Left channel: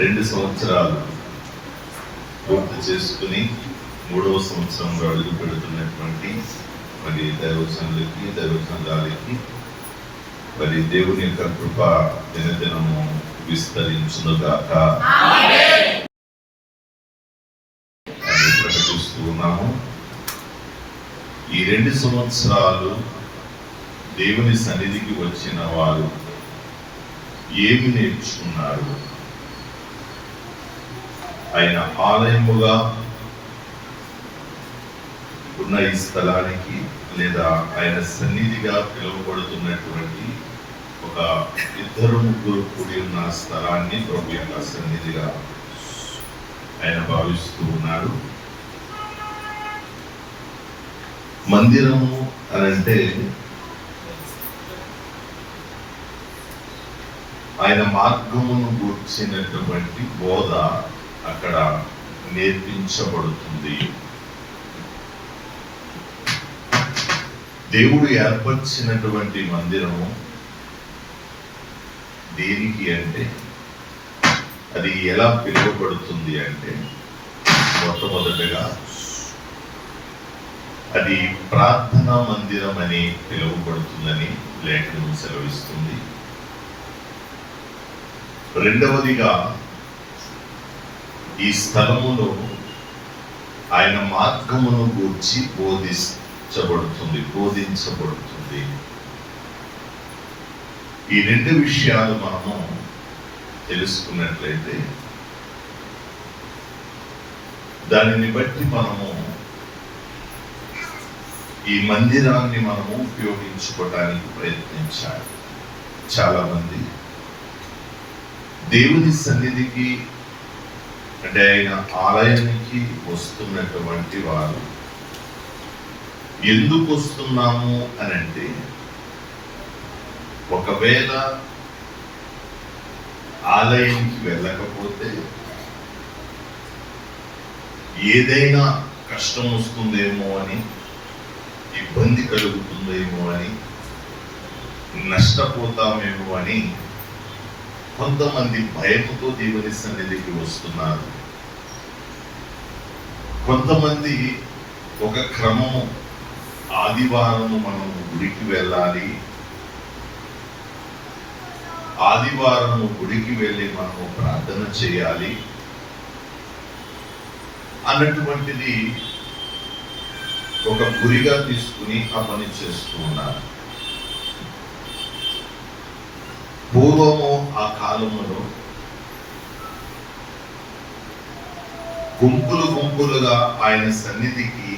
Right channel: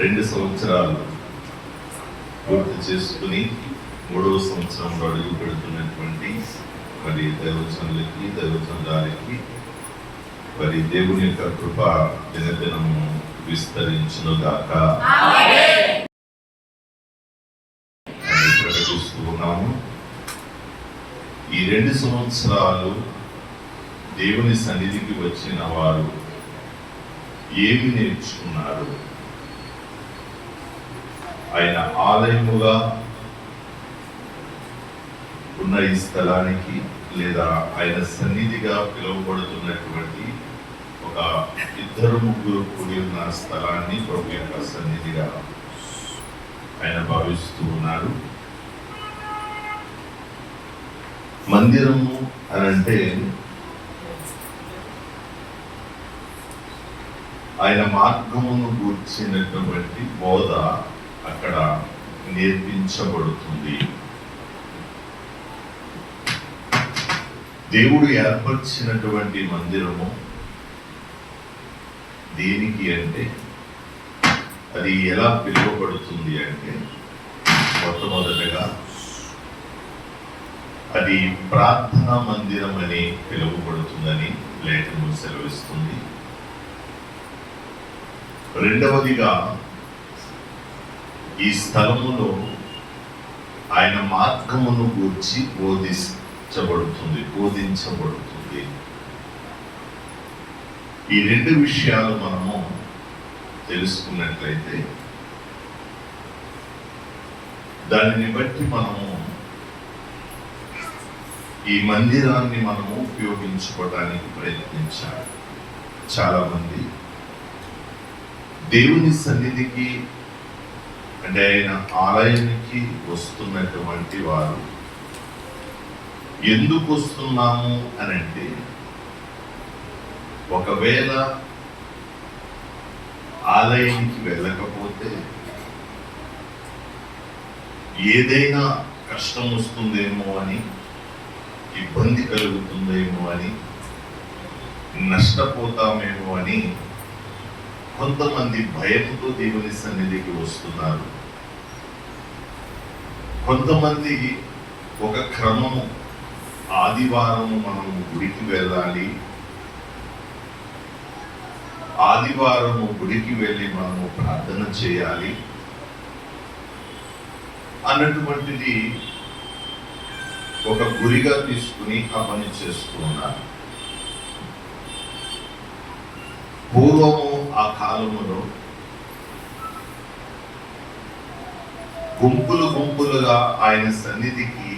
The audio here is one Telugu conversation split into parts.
2 సంవత్సరాలు పూర్తి చేసుకుని 3వ సంవత్సరంలో అడుగు పెడుతున్నటువంటి మరి దైవజనులకి మరి దేవుని యొక్క కృప దినదినము విస్తరించునుగాక అని ప్రకటిస్తూ ఉన్నాము. ఈ 2 సంవత్సరాలు దేవుని సన్నిధికి వచ్చిన వారు ఏమి నేర్చుకున్నారు? ఆయన ఆలయముగా ఉన్న ఈ స్థలానికి లేదా ఆయన సన్నిధిగా పిలువబడుతున్నటువంటి ఒక 2-3 కూడి ఉన్న స్థలాన్ని ప్రభు యొక్క సన్నిధిగా ఆయన భావిస్తూ ఉన్నాడు. మందిరము అనంటే ఆయన మార్గమును గూర్చినటువంటి బోధ అక్కడ నేర్పించబడుతుంది. దేవుడు ఏర్పరిచినటువంటి మందిరము దేనికి అంటే అది ఎలా పిలువబడుతుంది అంటే మొట్టమొదటగా అది ప్రార్థనా మందిరం అని పిలువబడుతుందని లేఖనం సెలవిస్తుంది. రెండవదిగా ఈ స్థలములో ఆయన మార్గమును గూర్చి బోధించబడుతుంది. ఈ 2 విషయాలు మనము తెలుసుకున్నట్లయితే దానిని బట్టి మనము ఈ మందిరాన్ని మనము ఉపయోగించుకోవడానికి ప్రయత్నించాలి. చాలా మంది దేవుని సన్నిధికి అంటే ఆయన ఆలయానికి వస్తున్నటువంటి వారు ఎందుకు వస్తున్నాము అని అంటే, ఒకవేళ ఆలయానికి వెళ్ళకపోతే ఏదైనా కష్టం వస్తుందేమో అని, ఇబ్బంది కలుగుతుందేమో అని, నష్టపోతామేమో అని కొంతమంది భయంతో దేవుని సన్నిధికి వస్తున్నారు. కొంతమంది ఒక క్రమము, ఆదివారము మనము గుడికి వెళ్ళాలి, ఆదివారము గుడికి వెళ్ళి మనము ప్రార్థన చేయాలి అన్నటువంటిది ఒక గురిగా తీసుకుని ఆ పని చేస్తూ ఉన్నారు. పూర్వము ఆ కాలములో గుంపులుగా ఆయన సన్నిధికి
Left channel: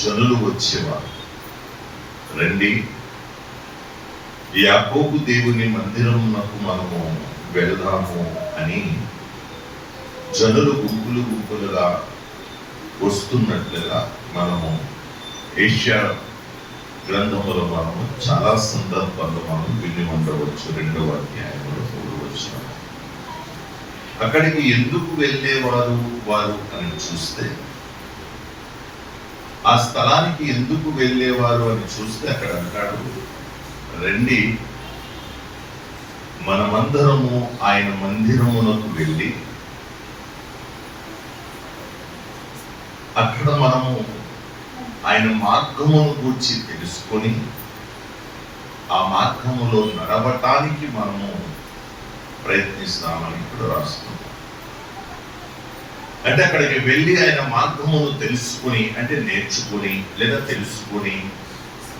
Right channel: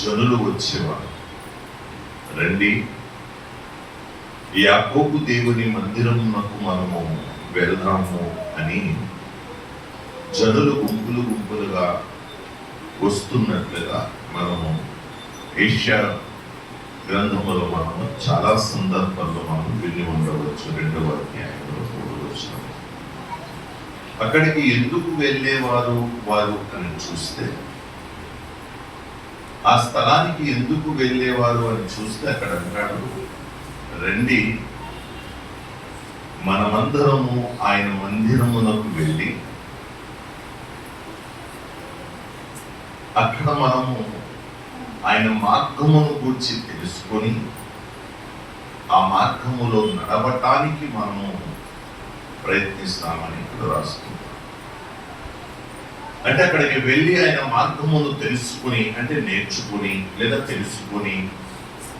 జనులు వచ్చేవారు. రండి, యాకోబు దేవుని మందిరమునకు మనము వెళ్దాము అని జనులు గుంపులుగా వస్తున్నట్లుగా మనము ఏషియా గ్రంథములో మనము చాలా సందర్భాల్లో మనం విని ఉండవచ్చు. 2వ అధ్యాయంలో చూడవచ్చు. అక్కడికి ఎందుకు వెళ్ళేవారు వారు అని చూస్తే, ఆ స్థలానికి ఎందుకు వెళ్ళేవారు అని చూస్తే అక్కడ అంటాడు, రండి మనమందరము ఆయన మందిరమునకు వెళ్ళి అక్కడ మనము ఆయన మార్గమును గూర్చి తెలుసుకొని ఆ మార్గములో నడవటానికి మనము ప్రయత్నిస్తామని ఇప్పుడు రాస్తుంది. అంటే అక్కడికి వెళ్ళి ఆయన మార్గమును తెలుసుకుని, అంటే నేర్చుకుని లేదా తెలుసుకుని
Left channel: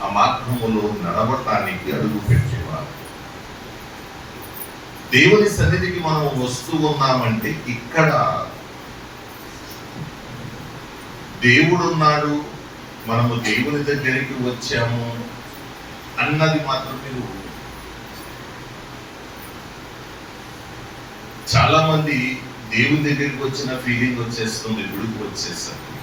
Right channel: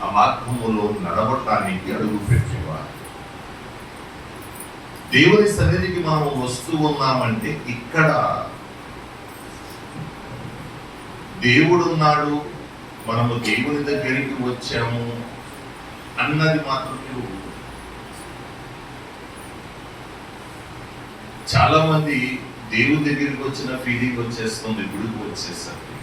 ఆ మార్గములో నడవటానికి అడుగు పెట్టేవారు. దేవుని సన్నిధికి మనం వస్తూ ఉన్నామంటే ఇక్కడ దేవుడు ఉన్నాడు, మనము దేవుని దగ్గరికి వచ్చాము అన్నది మాత్రమే. చాలా మంది దేవుని దగ్గరికి వచ్చిన ఫీలింగ్ వచ్చేస్తుంది, గుడికి వచ్చేసరికి.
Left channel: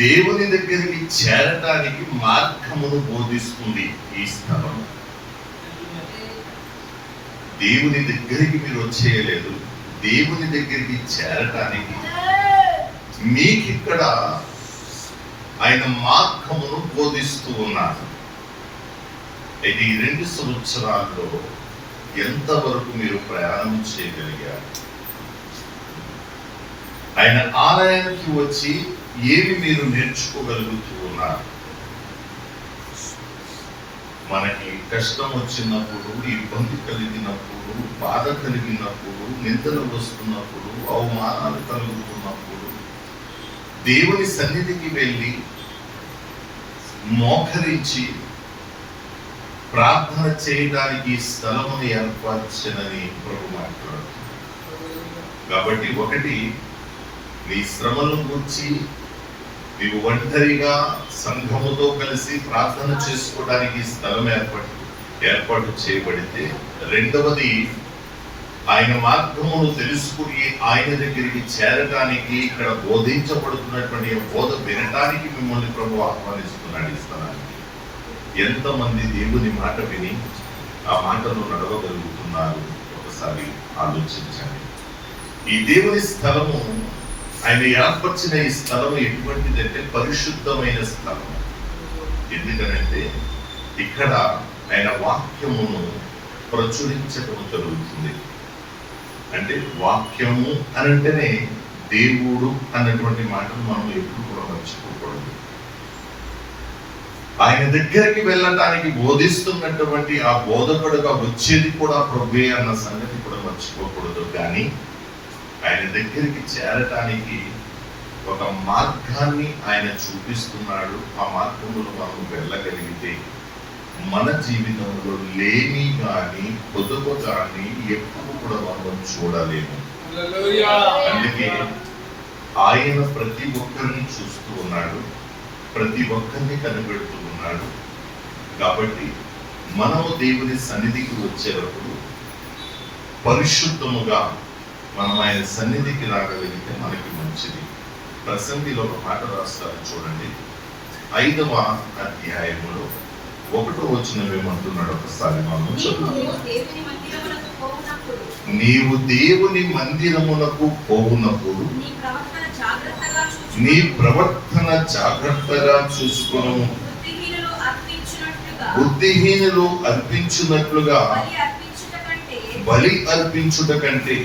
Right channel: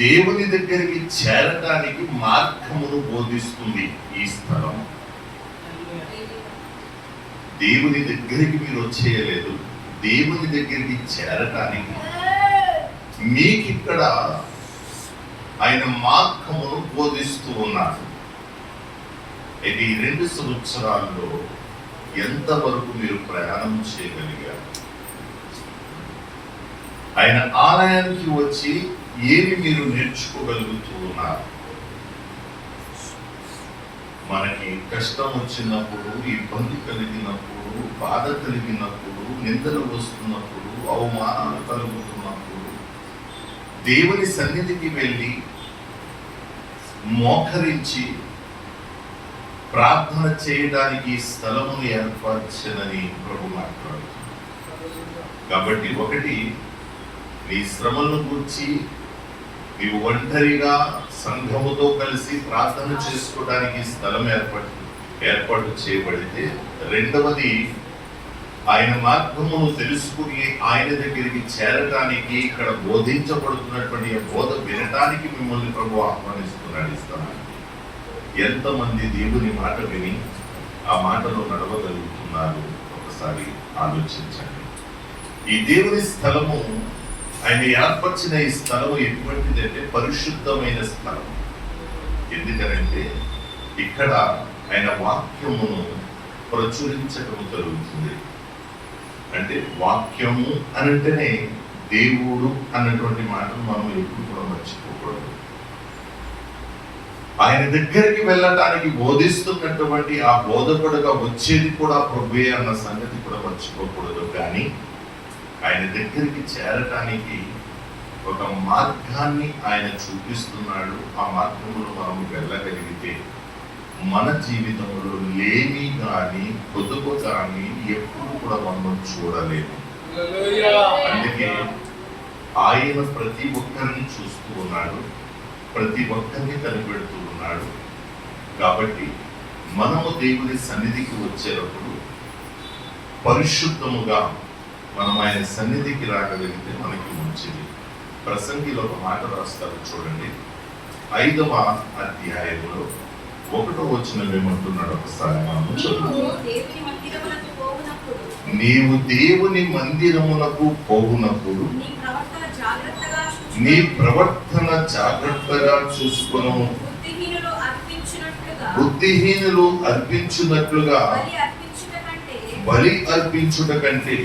దేవుని దగ్గరికి చేరటానికి మార్గమును బోధిస్తుంది ఈ స్థలం. దేవుని దగ్గరికి మీరు వచ్చేయలేదు, దేవుని దగ్గరికి చేరటానికి మీకు ఇక్కడ ఆయన మార్గమును బోధిస్తూ ఉన్నారు. అయితే ఈ 2 సంవత్సరాల్లో ఎంతవరకు మీరు ప్రయాణం చేయగలిగారు? ఆయన ఆలయానికి వచ్చి ఏమి మీరు నేర్చుకోగలుగుతూ ఉన్నారు? మనకి కష్టం వచ్చినప్పుడు, ఇబ్బంది కలిగినప్పుడు, బాధ కలిగినప్పుడు, నిందలు వస్తున్నప్పుడు, అవమానాలు కలుగుతున్నప్పుడు దేవుని సన్నిధికి వెళ్ళి మోకరించి ప్రార్థన చేయడానికి స్థలమును ఏర్పరచనని ప్రభు మాట్లాడుతుంది. కాబట్టి ఒకటి, నీ శ్రమలను గురించి నీవు ఒంటరిగా సంఘముతో కలిసి ప్రార్థన చేసుకోవడానికి స్థలం ఏర్పాటు చేయబడితే, రెండవది ఆయన మార్గమును తెలుసుకుని ఆయన దగ్గరికి చేరటానికి, ఇక్కడ బోధించబడుతున్నటువంటి బోధ వినటానికి మిమ్మల్ని ప్రభు ఆహ్వానిస్తున్నాడు. ఇస్తున్నాను. ఎంతమంది దేవుని మాట విని ఆ మాటను నడవగలుగుతున్నారు? ఒకసారి ఆలోచించండి. ఈ దేవుని స్థలము, ఆయన ఏర్పరిచిన ఈ స్థలం ఎటువంటిదంటే పరిశుద్ధమైన స్థలం. ఎందుకనంటే ఇక్కడ ఆయన వాక్యమును ప్రచురించడం జరుగుతుంది. అంటే వాక్యము అనంటేనే దేవుడు అన్నటువంటి మాటను మనం ఎప్పుడు కూడా మర్చిపోకూడదు. ఆయన దగ్గరికి వెళ్ళటానికి బోధిస్తున్నటువంటి ఆ బోధకుడుగా వచ్చేది కూడా ప్రభువే అన్న సంగతి కూడా మర్చిపోకూడదు. కానీ ఆయన దగ్గరికి చేరటానికి ఒక మార్గాన్ని ఆయన చూపిస్తున్నాడు. ఆ మార్గంలో మనం వెళ్ళగలిగితే మన జీవితంలో లేని కానీ పొదుపు కానీ ఎప్పుడు కూడా మనం చూడలేము. అందుకే ఆయన ప్రతి ఒక్కరిని చూస్తూ ఉన్నాడు, ప్రతి ఒక్కరిని కనిపెడుతూ ఉన్నాడు. కాబట్టి మనము దేవుని సన్నిధికి వచ్చేటప్పుడు పరిశుద్ధముగా మనం ఆయన సన్నిధికి రాగలిగితే మనకి మంచిది. ప్రసంగిలో ఒక మాట రాస్తారు చూడండి, 5వ అధ్యాయములో 1వ వచనం ఏమంటున్నాడు? ఒకసారి మనం నీవు దేవుని మందిరమునకు పోవునప్పుడు నీ ప్రవర్తన జాగ్రత్తగా చూసుకొను. బుద్ధిహీనులు అర్పించినట్లుగా బలి అర్పించుట కంటే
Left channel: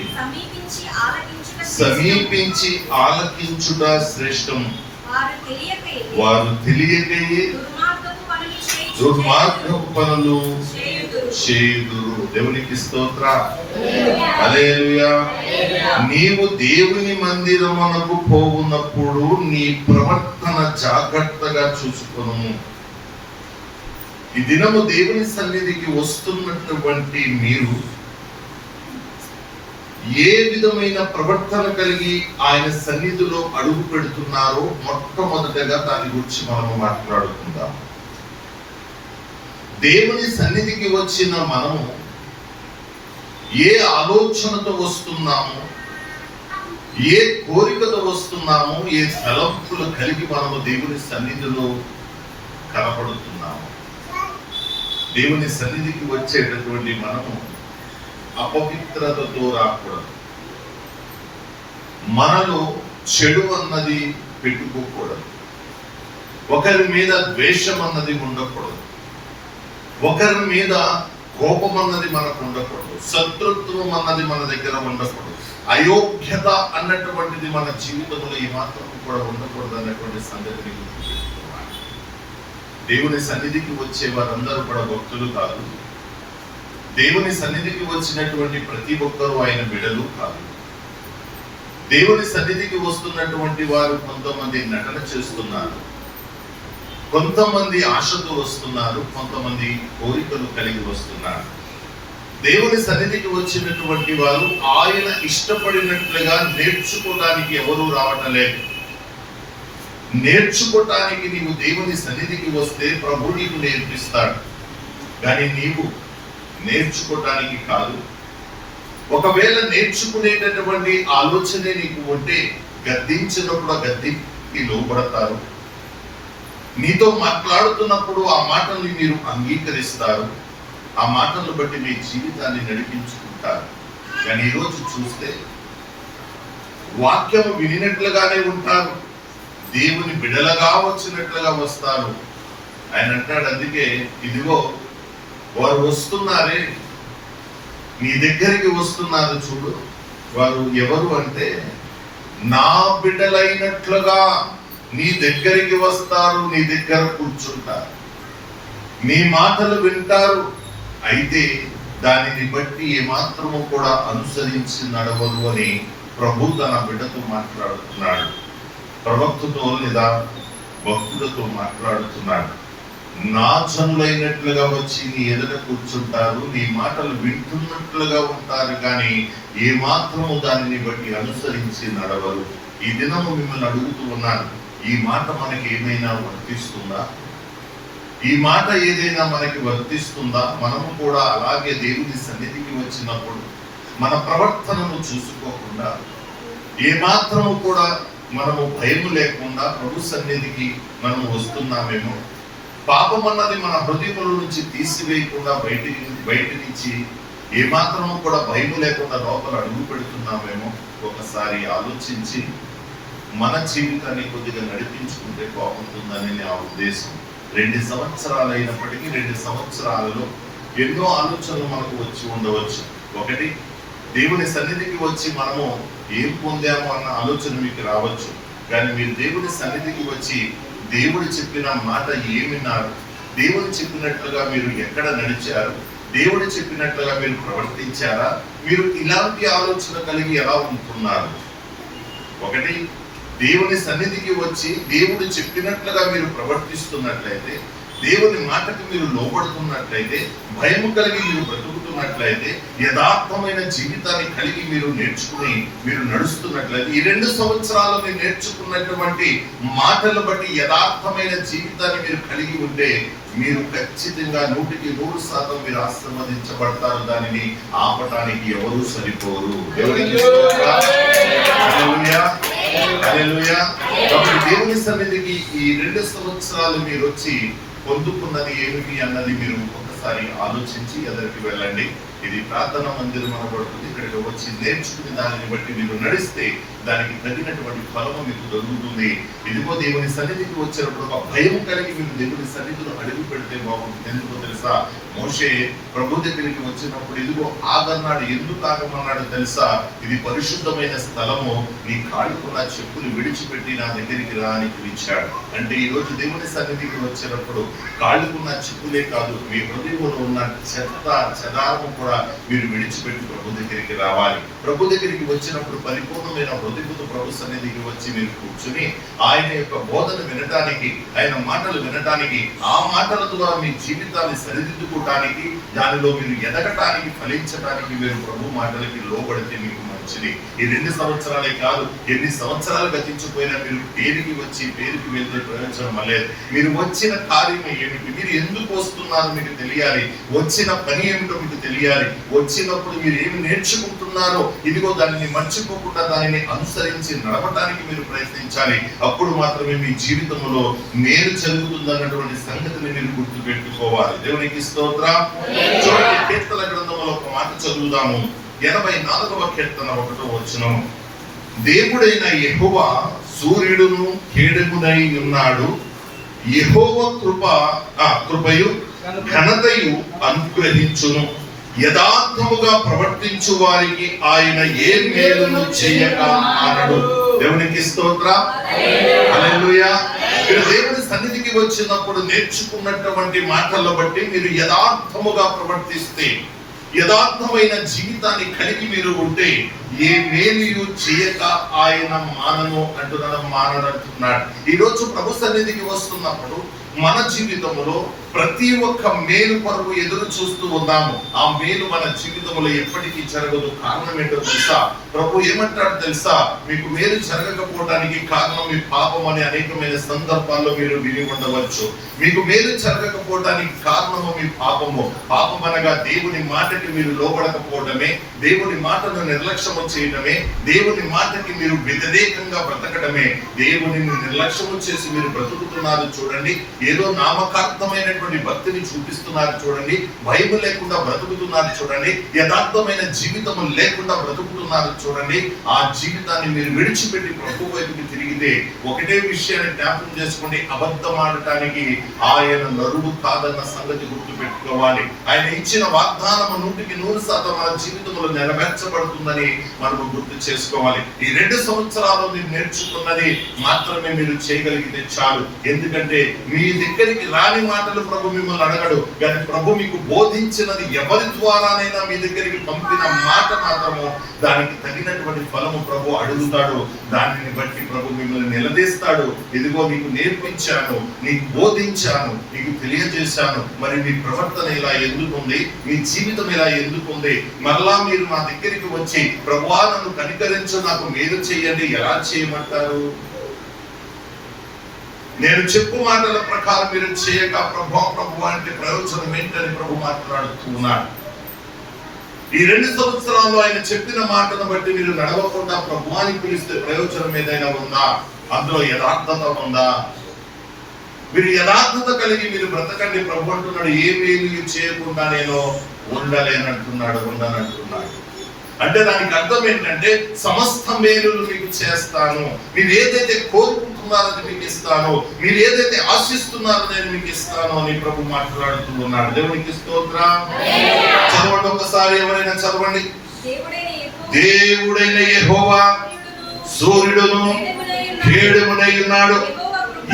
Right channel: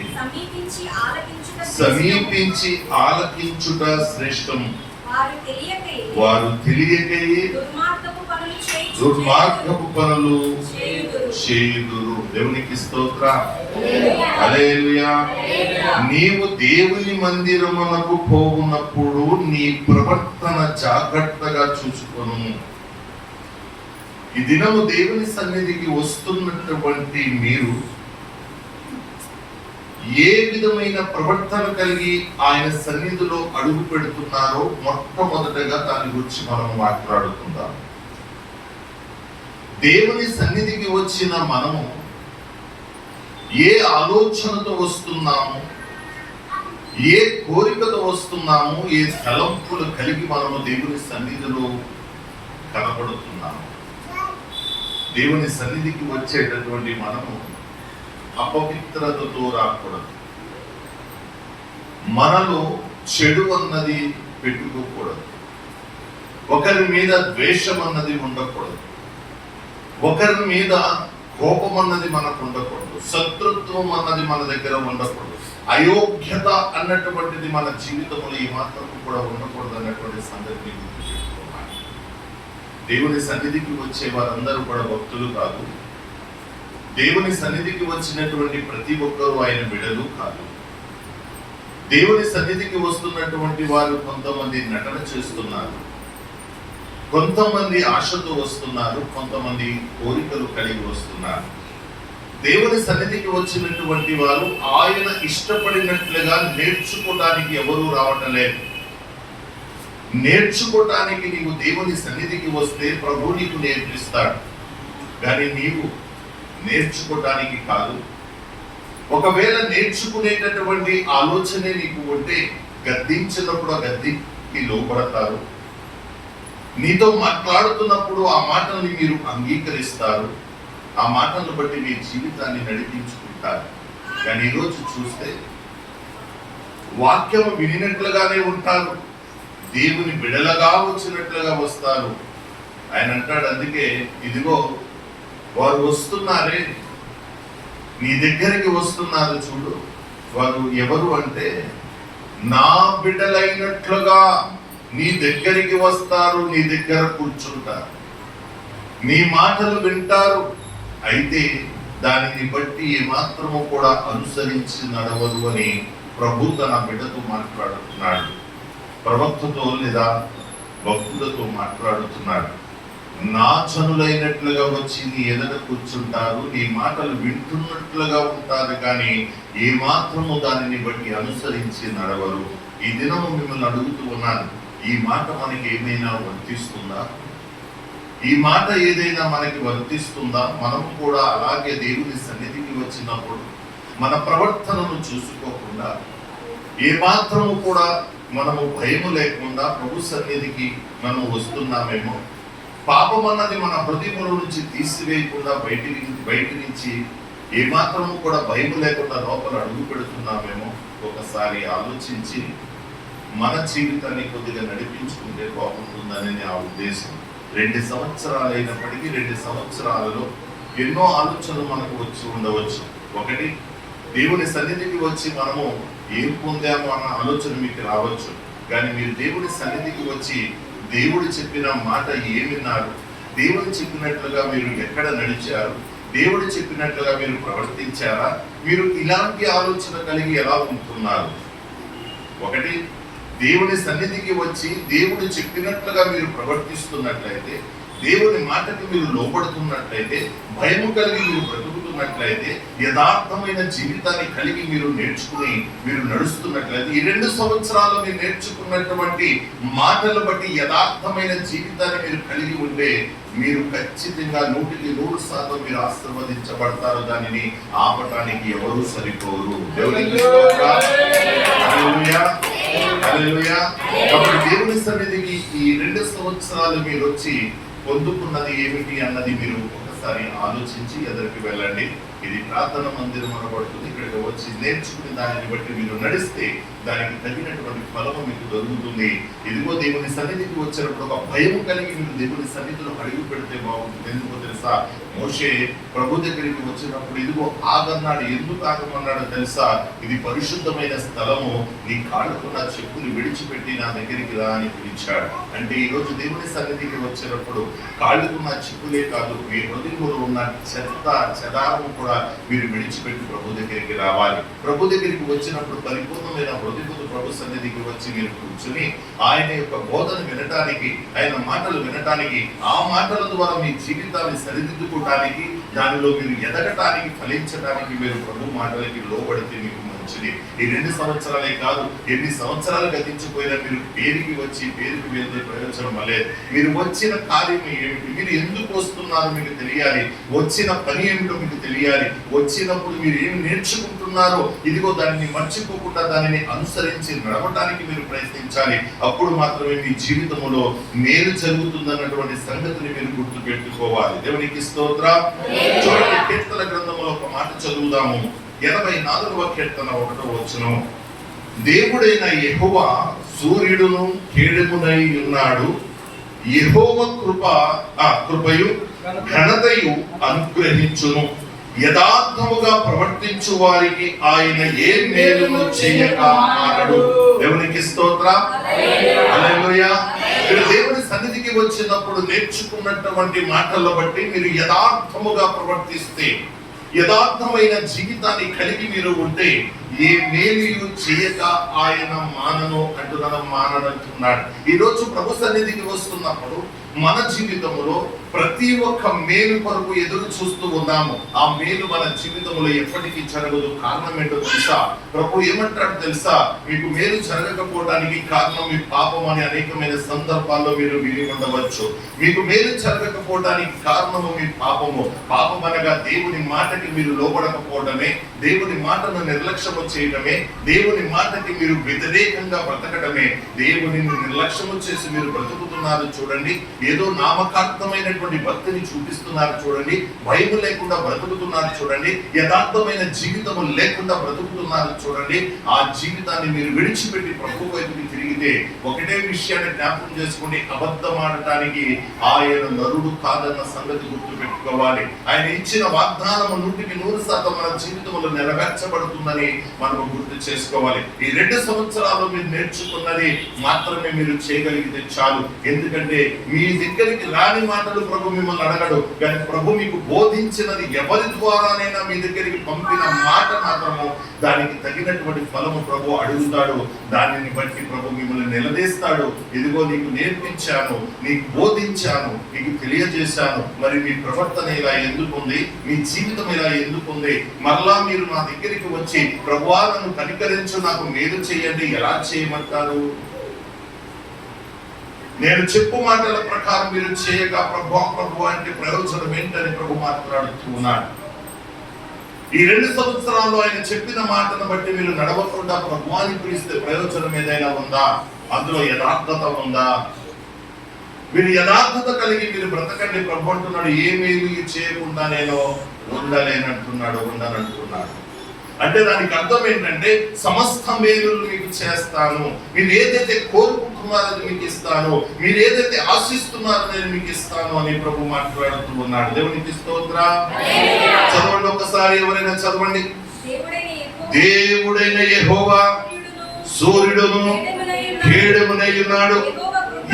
సమీపించి ఆలకించుట శ్రేష్టం. వారు తెలియకయే దుర్మార్గపు పనులు చేయుదురు. దేవునికి స్తోత్ర. హల్లెలూయా. నీవు దేవుని మందిరమునకు పోవునప్పుడు నీ ప్రవర్తన జాగ్రత్తగా చూసుకొను. ఈ దినము దేవుని సన్నిధికి వస్తున్నటువంటి మీరు ఏ విధమైన ప్రవర్తన కలిగి ఆయన సన్నిధిలో అడుగు పెడుతున్నారో మొట్టమొదటగా దాని గురించి మనం మాట్లాడుకుందాం. దేవుని సన్నిధికి వచ్చిన మనము ఏ ఆలోచనతో వస్తున్నాము, ఏ కోరికతో వస్తున్నాము, ఏ తలంపులు కలిగి మనము దేవుని సన్నిధిలో కనపడుతున్నాము. దేవుని సన్నిధికి వచ్చేటటువంటి మనము అపవిత్రతతో రాకూడదు. మనలో చెడు అన్నది పెట్టుకోకూడదు. ఒకరి మీద ద్వేషం అన్నది ఉండకూడదు. ఒకరి మీద కోపం అన్నది మనకు ఉండకూడదు. శత్రుత్వం అన్నది మన దగ్గర ఉండకూడదు. అయోగ్యత అన్నటువంటిది మన జీవితంలో ఈ మాత్రం కూడా ఉండకూడదు అన్నటువంటి సంగతిని గుర్తుపెట్టుకోవాలి. దేవుని సన్నిధికి వచ్చే వారందరూ కూడా భక్తులు కాదు. దేవుని సన్నిధికి వచ్చినటువంటి ప్రతి ఒక్కరూ ఆయన బిడ్డలు కాదు. దేవుని సన్నిధికి వస్తున్నటువంటి వారు కొంతమంది నటన చేస్తున్నారు, కొంతమంది ఆశతో వస్తున్నారు, కొంతమంది కోరికలు కలిగి వస్తున్నారు. దేవుని సన్నిధికి వచ్చినటువంటి వారు ఆయన ఇష్టపడినట్లుగా నేర్చుకోవడానికి ఎవరూ రావటం లేదు. నేర్చుకోవటానికి నీవు దేవుని సన్నిధికి వస్తే ప్రభు నీకు నేర్పిస్తాడు. కానీ నీవు నేర్చుకోవటానికి కాదు. ఒకవేళ నేర్చుకునేటటువంటి ఆలోచనే నీకు ఉంటే గద్దించినప్పుడు ఆ గద్దికి లోపడతారు. నీతో మాట్లాడుతున్నప్పుడు ఆ మాటల్ని మీరు అంగీకరిస్తారు. ఆ మాటలను బట్టి మీ జీవితాన్ని నడిపించుకుంటారు. కానీ ఈరోజు చూస్తే వాక్యం వినినట్లుగానే ఉంటారు, దేవుని బిడలగా వచ్చినట్లుగా వస్తారు. ఆయన అంటాడు, అందుకే ఇదిగో వారు వస్తున్నారే, నీ దగ్గరికి వస్తున్నారు చూడు, వారు ఎవరు అంటే నా బిడ్డలైనట్లుగా నీ దగ్గరికి వస్తారు, నీ దగ్గర కూర్చుంటారు, నీ మాటలు వింటారు. అయితే దానిని బట్టి ఏమాత్రము కూడా అనుసరించి నడవదు అని ప్రభు తన బిడ్డతో మాట్లాడుతున్నాడు, ప్రవక్తతో లేదా భక్తులతో మాట్లాడుతున్నాడు. నా జనులైనట్లుగా వచ్చి నీ ఎదుట కూర్చుంటారు, నీ మాటలు వింటున్నట్లుగా ఉంటారు, కానీ ఏ మాత్రము దానిని బట్టి అనుసరించి నడవరు. ఈ దినము మిమ్మల్ని అడుగుతూ ఉన్నాను, ఈ మాట మనకి ఏమైనా వర్తిస్తుందా? ఈ మాట ఏదైనా మనకి వర్తిస్తుందా? మనము కూడా అలాగే దేవుని సన్నిధికి వచ్చినప్పుడు మన ప్రవర్తనను చూసుకోకుండా ఏ మాత్రము కూడా మనము భయము లేకుండా ప్రభు సన్నిధికి మనం వస్తున్నామేమో, పాపం అన్నది మన హృదయంలో నుంచి తీసివేయకుండా బయటి నుంచి ఏమాత్రము కూడా భయం లేకుండా లోపల అడుగు పెడుతున్నామేమో ఒకసారి ఆలోచించి మన జీవితాన్ని కొద్దిగా నడిపించుకుంటే బాగుంటుందని నా ఉద్దేశం. 2 సంవత్సరాలు అయినప్పటికీ 2 సంవత్సరాలలో ఎన్నో ఆలోచనలు మనకు వచ్చి ఉండవచ్చు. ఒకటి, దేవుని సన్నిధికి వచ్చి మనము ఏం పొందాము అన్న ఆలోచన మీకు రావచ్చు. కానీ మీరు దేవుని సన్నిధికి వచ్చి దేవుడు చెప్పిన మాట ఏమిన్నారు, దేవుడు చెప్పినట్లుగా మీరు ఎక్కడ నడిచారు, దేవుడు చెప్పినట్లుగా మీరు ప్రవర్తించారా, మీరు ఇలాంటి ఆలోచన కలిగి ఎలా ఉంటున్నారు? ఒకటి, దేవుని సన్నిధికి వచ్చి దేవుడు చెప్పినట్లుగా మీరు ప్రవర్తిస్తున్నట్లయితే, దేవుని మాటకి మీరు లోబడుతున్నట్లయితే, భయము కలిగి మీరు బ్రతుకుతున్నట్లయితే, యథార్థమైన జీవితాన్ని కలిగి మీరు నేర్చుకుని మీరు నడుస్తున్నట్లయితే, ఈ 2 సంవత్సరాలు మీరు నేర్చుకున్నటువంటి మాటలను బట్టి యథార్థమైన జీవితాన్ని మీరు కలిగి ఉంటే మీరు ఖచ్చితంగా 100% మీరు ఆశీర్వదించబడతారు. దానిని ఆపటానికి ఎవరు సరిపోరు. కాబట్టి దేవుని సన్నిధికి ఈ 2 సంవత్సరాలు మీరు వచ్చి పొందుకున్నది ఏమిటి అన్నది మీరు ఒకసారి ఆలోచించి ఎదురికి వెళ్ళండి. ఇది ప్రార్థన మందిరం అనబడుతుంది. ఇక్కడికి వచ్చి నేర్చుకుని దానిని బట్టి మీరు నడిస్తే దానికి తగినటువంటి ఫలము మీకు దొరుకుతుంది. ఇదిగో దేవుని సన్నిధికి వచ్చినప్పుడు ఒక భయం కలిగి మీరు దేవుని సన్నిధిలో అడుగు పెడితే బాగుంటుంది. ఎందుకో తెలుసా, మోషే ప్రభు దగ్గరికి వచ్చినప్పుడు ఇదిగో ఆగన్నాడు. ఎందుకు ఆగమన్నాడు తెలుసా? ఇది పరిశుద్ధమైన స్థలము, నీ కాళ్ళకున్న చెప్పులు విడిచిపెట్టి నా దగ్గరికి రా అని పిలిచాడు. అంటే ఈ రోజు దేవుని సన్నిధికి వచ్చినప్పుడు కాళ్ళకున్న చెప్పులే కాదు, మీ హృదయంలో ఉన్న చెత్త చెదారము కూడా మీరు విడిచిపెట్టి ప్రభు దగ్గరికి రావాలి. ప్రభు దగ్గరికి వచ్చినప్పుడు పరిపూర్ణమైన హృదయముతో ప్రభు సన్నిధికి వచ్చి మీరు కూర్చుని ఆయన యొక్క బోధన వినటానికి, ఆయన మాటలు వినటానికి, ఆ మాటల ద్వారా మీ జీవితాన్ని సరిదిద్దుకోవటానికి, దానిలో మీరు ఎదగటానికి, ఫలించడానికి మీరు ప్రభు మాటలకి లోబడితే మీకు మంచిది. ఈ 2 సంవత్సరాలే కాదు, ఎన్ని సంవత్సరాలు గతించిపోయినా మీరు పేరుకి వచ్చి పేరుకి వెళ్తే ప్రయోజనం లేదు. మీరు వచ్చిన కార్యం ఏమిటి, మీరు ఎందుకు వస్తున్నారో మీకు తెలియాలి, వచ్చిన పని ఏమిటో మీకు తెలియాలి. వచ్చినప్పుడు మీరు ఏమి నేర్చుకుంటున్నారో ఇదిగో దానిని మర్చిపోకుండా దానిని అనుసరించి నడవటానికి మీరు ప్రయత్నించాలి. అప్పుడు మాత్రమే మీ జీవితంలో మేలు జరుగుతుందన్నటువంటి సంగతిని మీరు గుర్తు పెట్టుకోవాలి. దేవునికి స్తోత్రం. కీర్తన గ్రంథంలో ఒక మాట చదువుదాము. 84వ కీర్తన 1వ వచనం. దేవుడైన యెహోవా సూర్యుడును కేడమునై ఉన్నాడు, యెహోవా కృపయు ఘనతయు అనుగ్రహించును, యథార్థముగా ప్రవర్తించు వారికి ఆయన ఏ మేలును చేయక మానడు. దేవునికి స్తోత్రం. హల్లెలూయా. మీరు దేవుని సన్నిధికి వచ్చినప్పుడు నేర్చుకున్నటువంటి మాటలను బట్టి మీరు యథార్థముగా ప్రవర్తిస్తే, యథార్థమైన జీవితాన్ని కలిగి మీరు ఉంటే ఏ మేలు చేయక ఆయన మానను అంటున్నాడు. ఈ రోజు ప్రభు సన్నిధికి వస్తున్నప్పుడు మన జీవితంలో ప్రతి ఒక్క మేలు కొరకు ఎదురు చూస్తూ ఉన్నాము. ఆ మేలు మన జీవితంలో ఎప్పటికీ జరగదు. కారణం ఏంటో తెలుసా? ప్రభు ఏమంటాడు తెలుసా? మీకు మేలు జరగకపోవడానికి కారణం మీ పాపం అని అనేకమైన సందర్భాల్లో మీరు విని ఉండవచ్చు. మీకు మేలు జరగకపోవడానికి కారణము మీ పాపము. పాపం అనగా దేవుని మాటకి మీరు లోబడకపోవడమే, దేవుని మాటను నిర్లక్ష్యము చేయడమే, దేవుని మాటకి మీరు వ్యతిరేకంగా బ్రతకడమే. దేవుని నిర్లక్ష్యము చేసి మీరు బ్రతుకుతున్నారు చూడండి. ఏదో నామకార్థమైనటువంటి భక్తిని చూపిస్తున్నారు చూడండి, భయం లేకుండా బ్రతుకుతున్నారు చూడండి, యథార్థమైన జీవితము లేకుండా బ్రతుకుతున్నారు చూడండి. ఆ జీవితాన్ని మీరు విడిచిపెట్టి ప్రభు వైపుకి తిరిగితే ఒకటే విషయాన్ని జ్ఞాపకం చేసుకోండి, అబద్ధం ఆడటానికి ఆయన నరుడు కాదన్న సంగతి గుర్తు పెట్టుకోవాలి. ఆయన ఇచ్చిన వాగ్దానము 100% మన జీవితంలో నెరవేర్చబడుతుందని మనము గుర్తు చేసుకోవాలి. ఈ 2 సంవత్సరాలు మీరు నేర్చుకున్నది మాత్రమే మీరు చేయగలిగితే చాలు. ఎందుకంటే మీ దగ్గరికి రాని మాటలు ప్రభు మిమ్మల్ని అడగడు, కానీ ప్రభు మీకు బోధించినది ఎవరి ద్వారానైనా మీ దగ్గరికి పంపిన మాట మాత్రము దానికి తగినటువంటి ఫలము ప్రభు అడుగుతాడు. దానిని బట్టి ప్రభు మిమ్మల్ని నిలదీస్తాడు. ఇదిగో నీకు నేర్పించాను, నీకు బోధించాను, నీకు తెలియజేశాను, మరి మీ ప్రవర్తన ఇలా ఎందుకుంది, మీ జీవితం ఇలా ఎందుకుంది, మరలా మీరు నా దగ్గరికి వచ్చి ప్రభువా నన్ను కనికరించు, నాకు మేలు చేయండి, ఎలా చేయమంటారు? నేను చెప్పు మాటల ప్రకారం మీరు చేయక ప్రభు అంటే ప్రయోజనం ఏంటని ప్రభు మాట్లాడుతూ ఉన్నాడు. ఈ 2 సంవత్సరాల్లో ఆయన చెప్పిన మాటను బట్టి మీరు నడవకుండా ప్రభువాని పిలిస్తే ప్రయోజనం ఏదైనా ఉందా? అందులో యథార్థత ఉందా? మీరు యథార్థత కలిగి మీరు బ్రతకండి. ప్రభు అంటున్నాడు, ఏ మేలు చేయకుండా నేను ఉండనంటున్నాడు. అంటే దానికి అర్థం ఏంటంటే సమస్త మేలులు మీకు చేస్తాను, మీరు ఏదైతే కోరుకుంటున్నారో అది మీకు ఇస్తాను, మీరు ఏదైతే ఆశిస్తున్నారో నేను మీకు ఇస్తాను అని ప్రభు మాట్లాడుతూ ఉన్నాడు. దేవునికి స్తోత్రం. చదవండి ఒకసారి, ఎవరైనా చదవండి. దేవుడైన యెహోవా సూర్యుడును కేడెమునై ఉన్నాడు,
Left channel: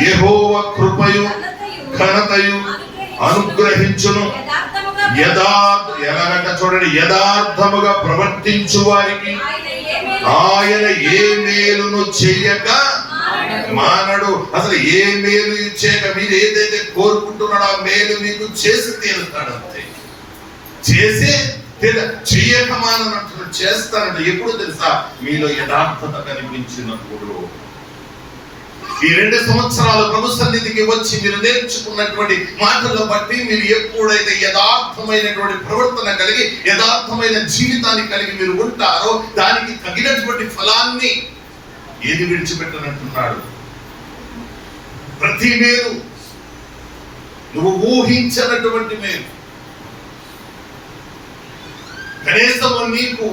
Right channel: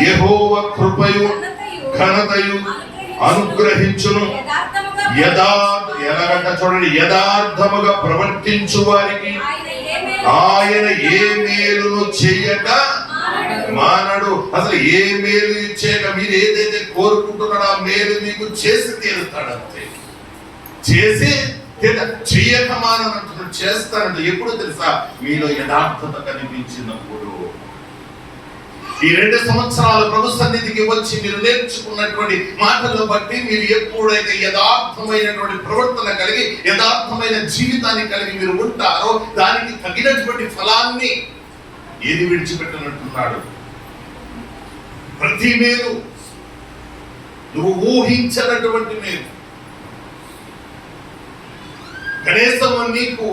యెహోవా కృపయు ఘనతయు అనుగ్రహించును. చూడండి, యథార్థముగా ప్రవర్తించు వారికి ఆయన ఏ మేలును చేయక మానడు. అసలు ఏ మేలు చేయక మీరు ఏదైతే కోరుకుంటున్నాడో ఆ మేలు మీకు చేసి తీరుతాడు. అంతే, చేసి చేయక మానంటున్నాడు, చేస్తానంటే ఎప్పుడు తెలుసా? మీలో యథార్థత కనిపించినప్పుడు. ఈ 2 సంవత్సరాలు ప్రభు సన్నిధికి వచ్చి మీరు నేర్చుకున్నటువంటి మాటలను బట్టి మీరు ఎప్పుడైతే యథార్థమైనటువంటి ప్రవర్తన కలిగి యథార్థమైన జీవితాన్ని కలిగి మీరు ఉంటారో దానికి తగినటువంటి ఫలాన్ని ఏది విడిచిపెట్టనంటున్నాడు. ప్రతి మేలు, నువ్వు ఊహించినటువంటి మేలు, కనీసం నీకు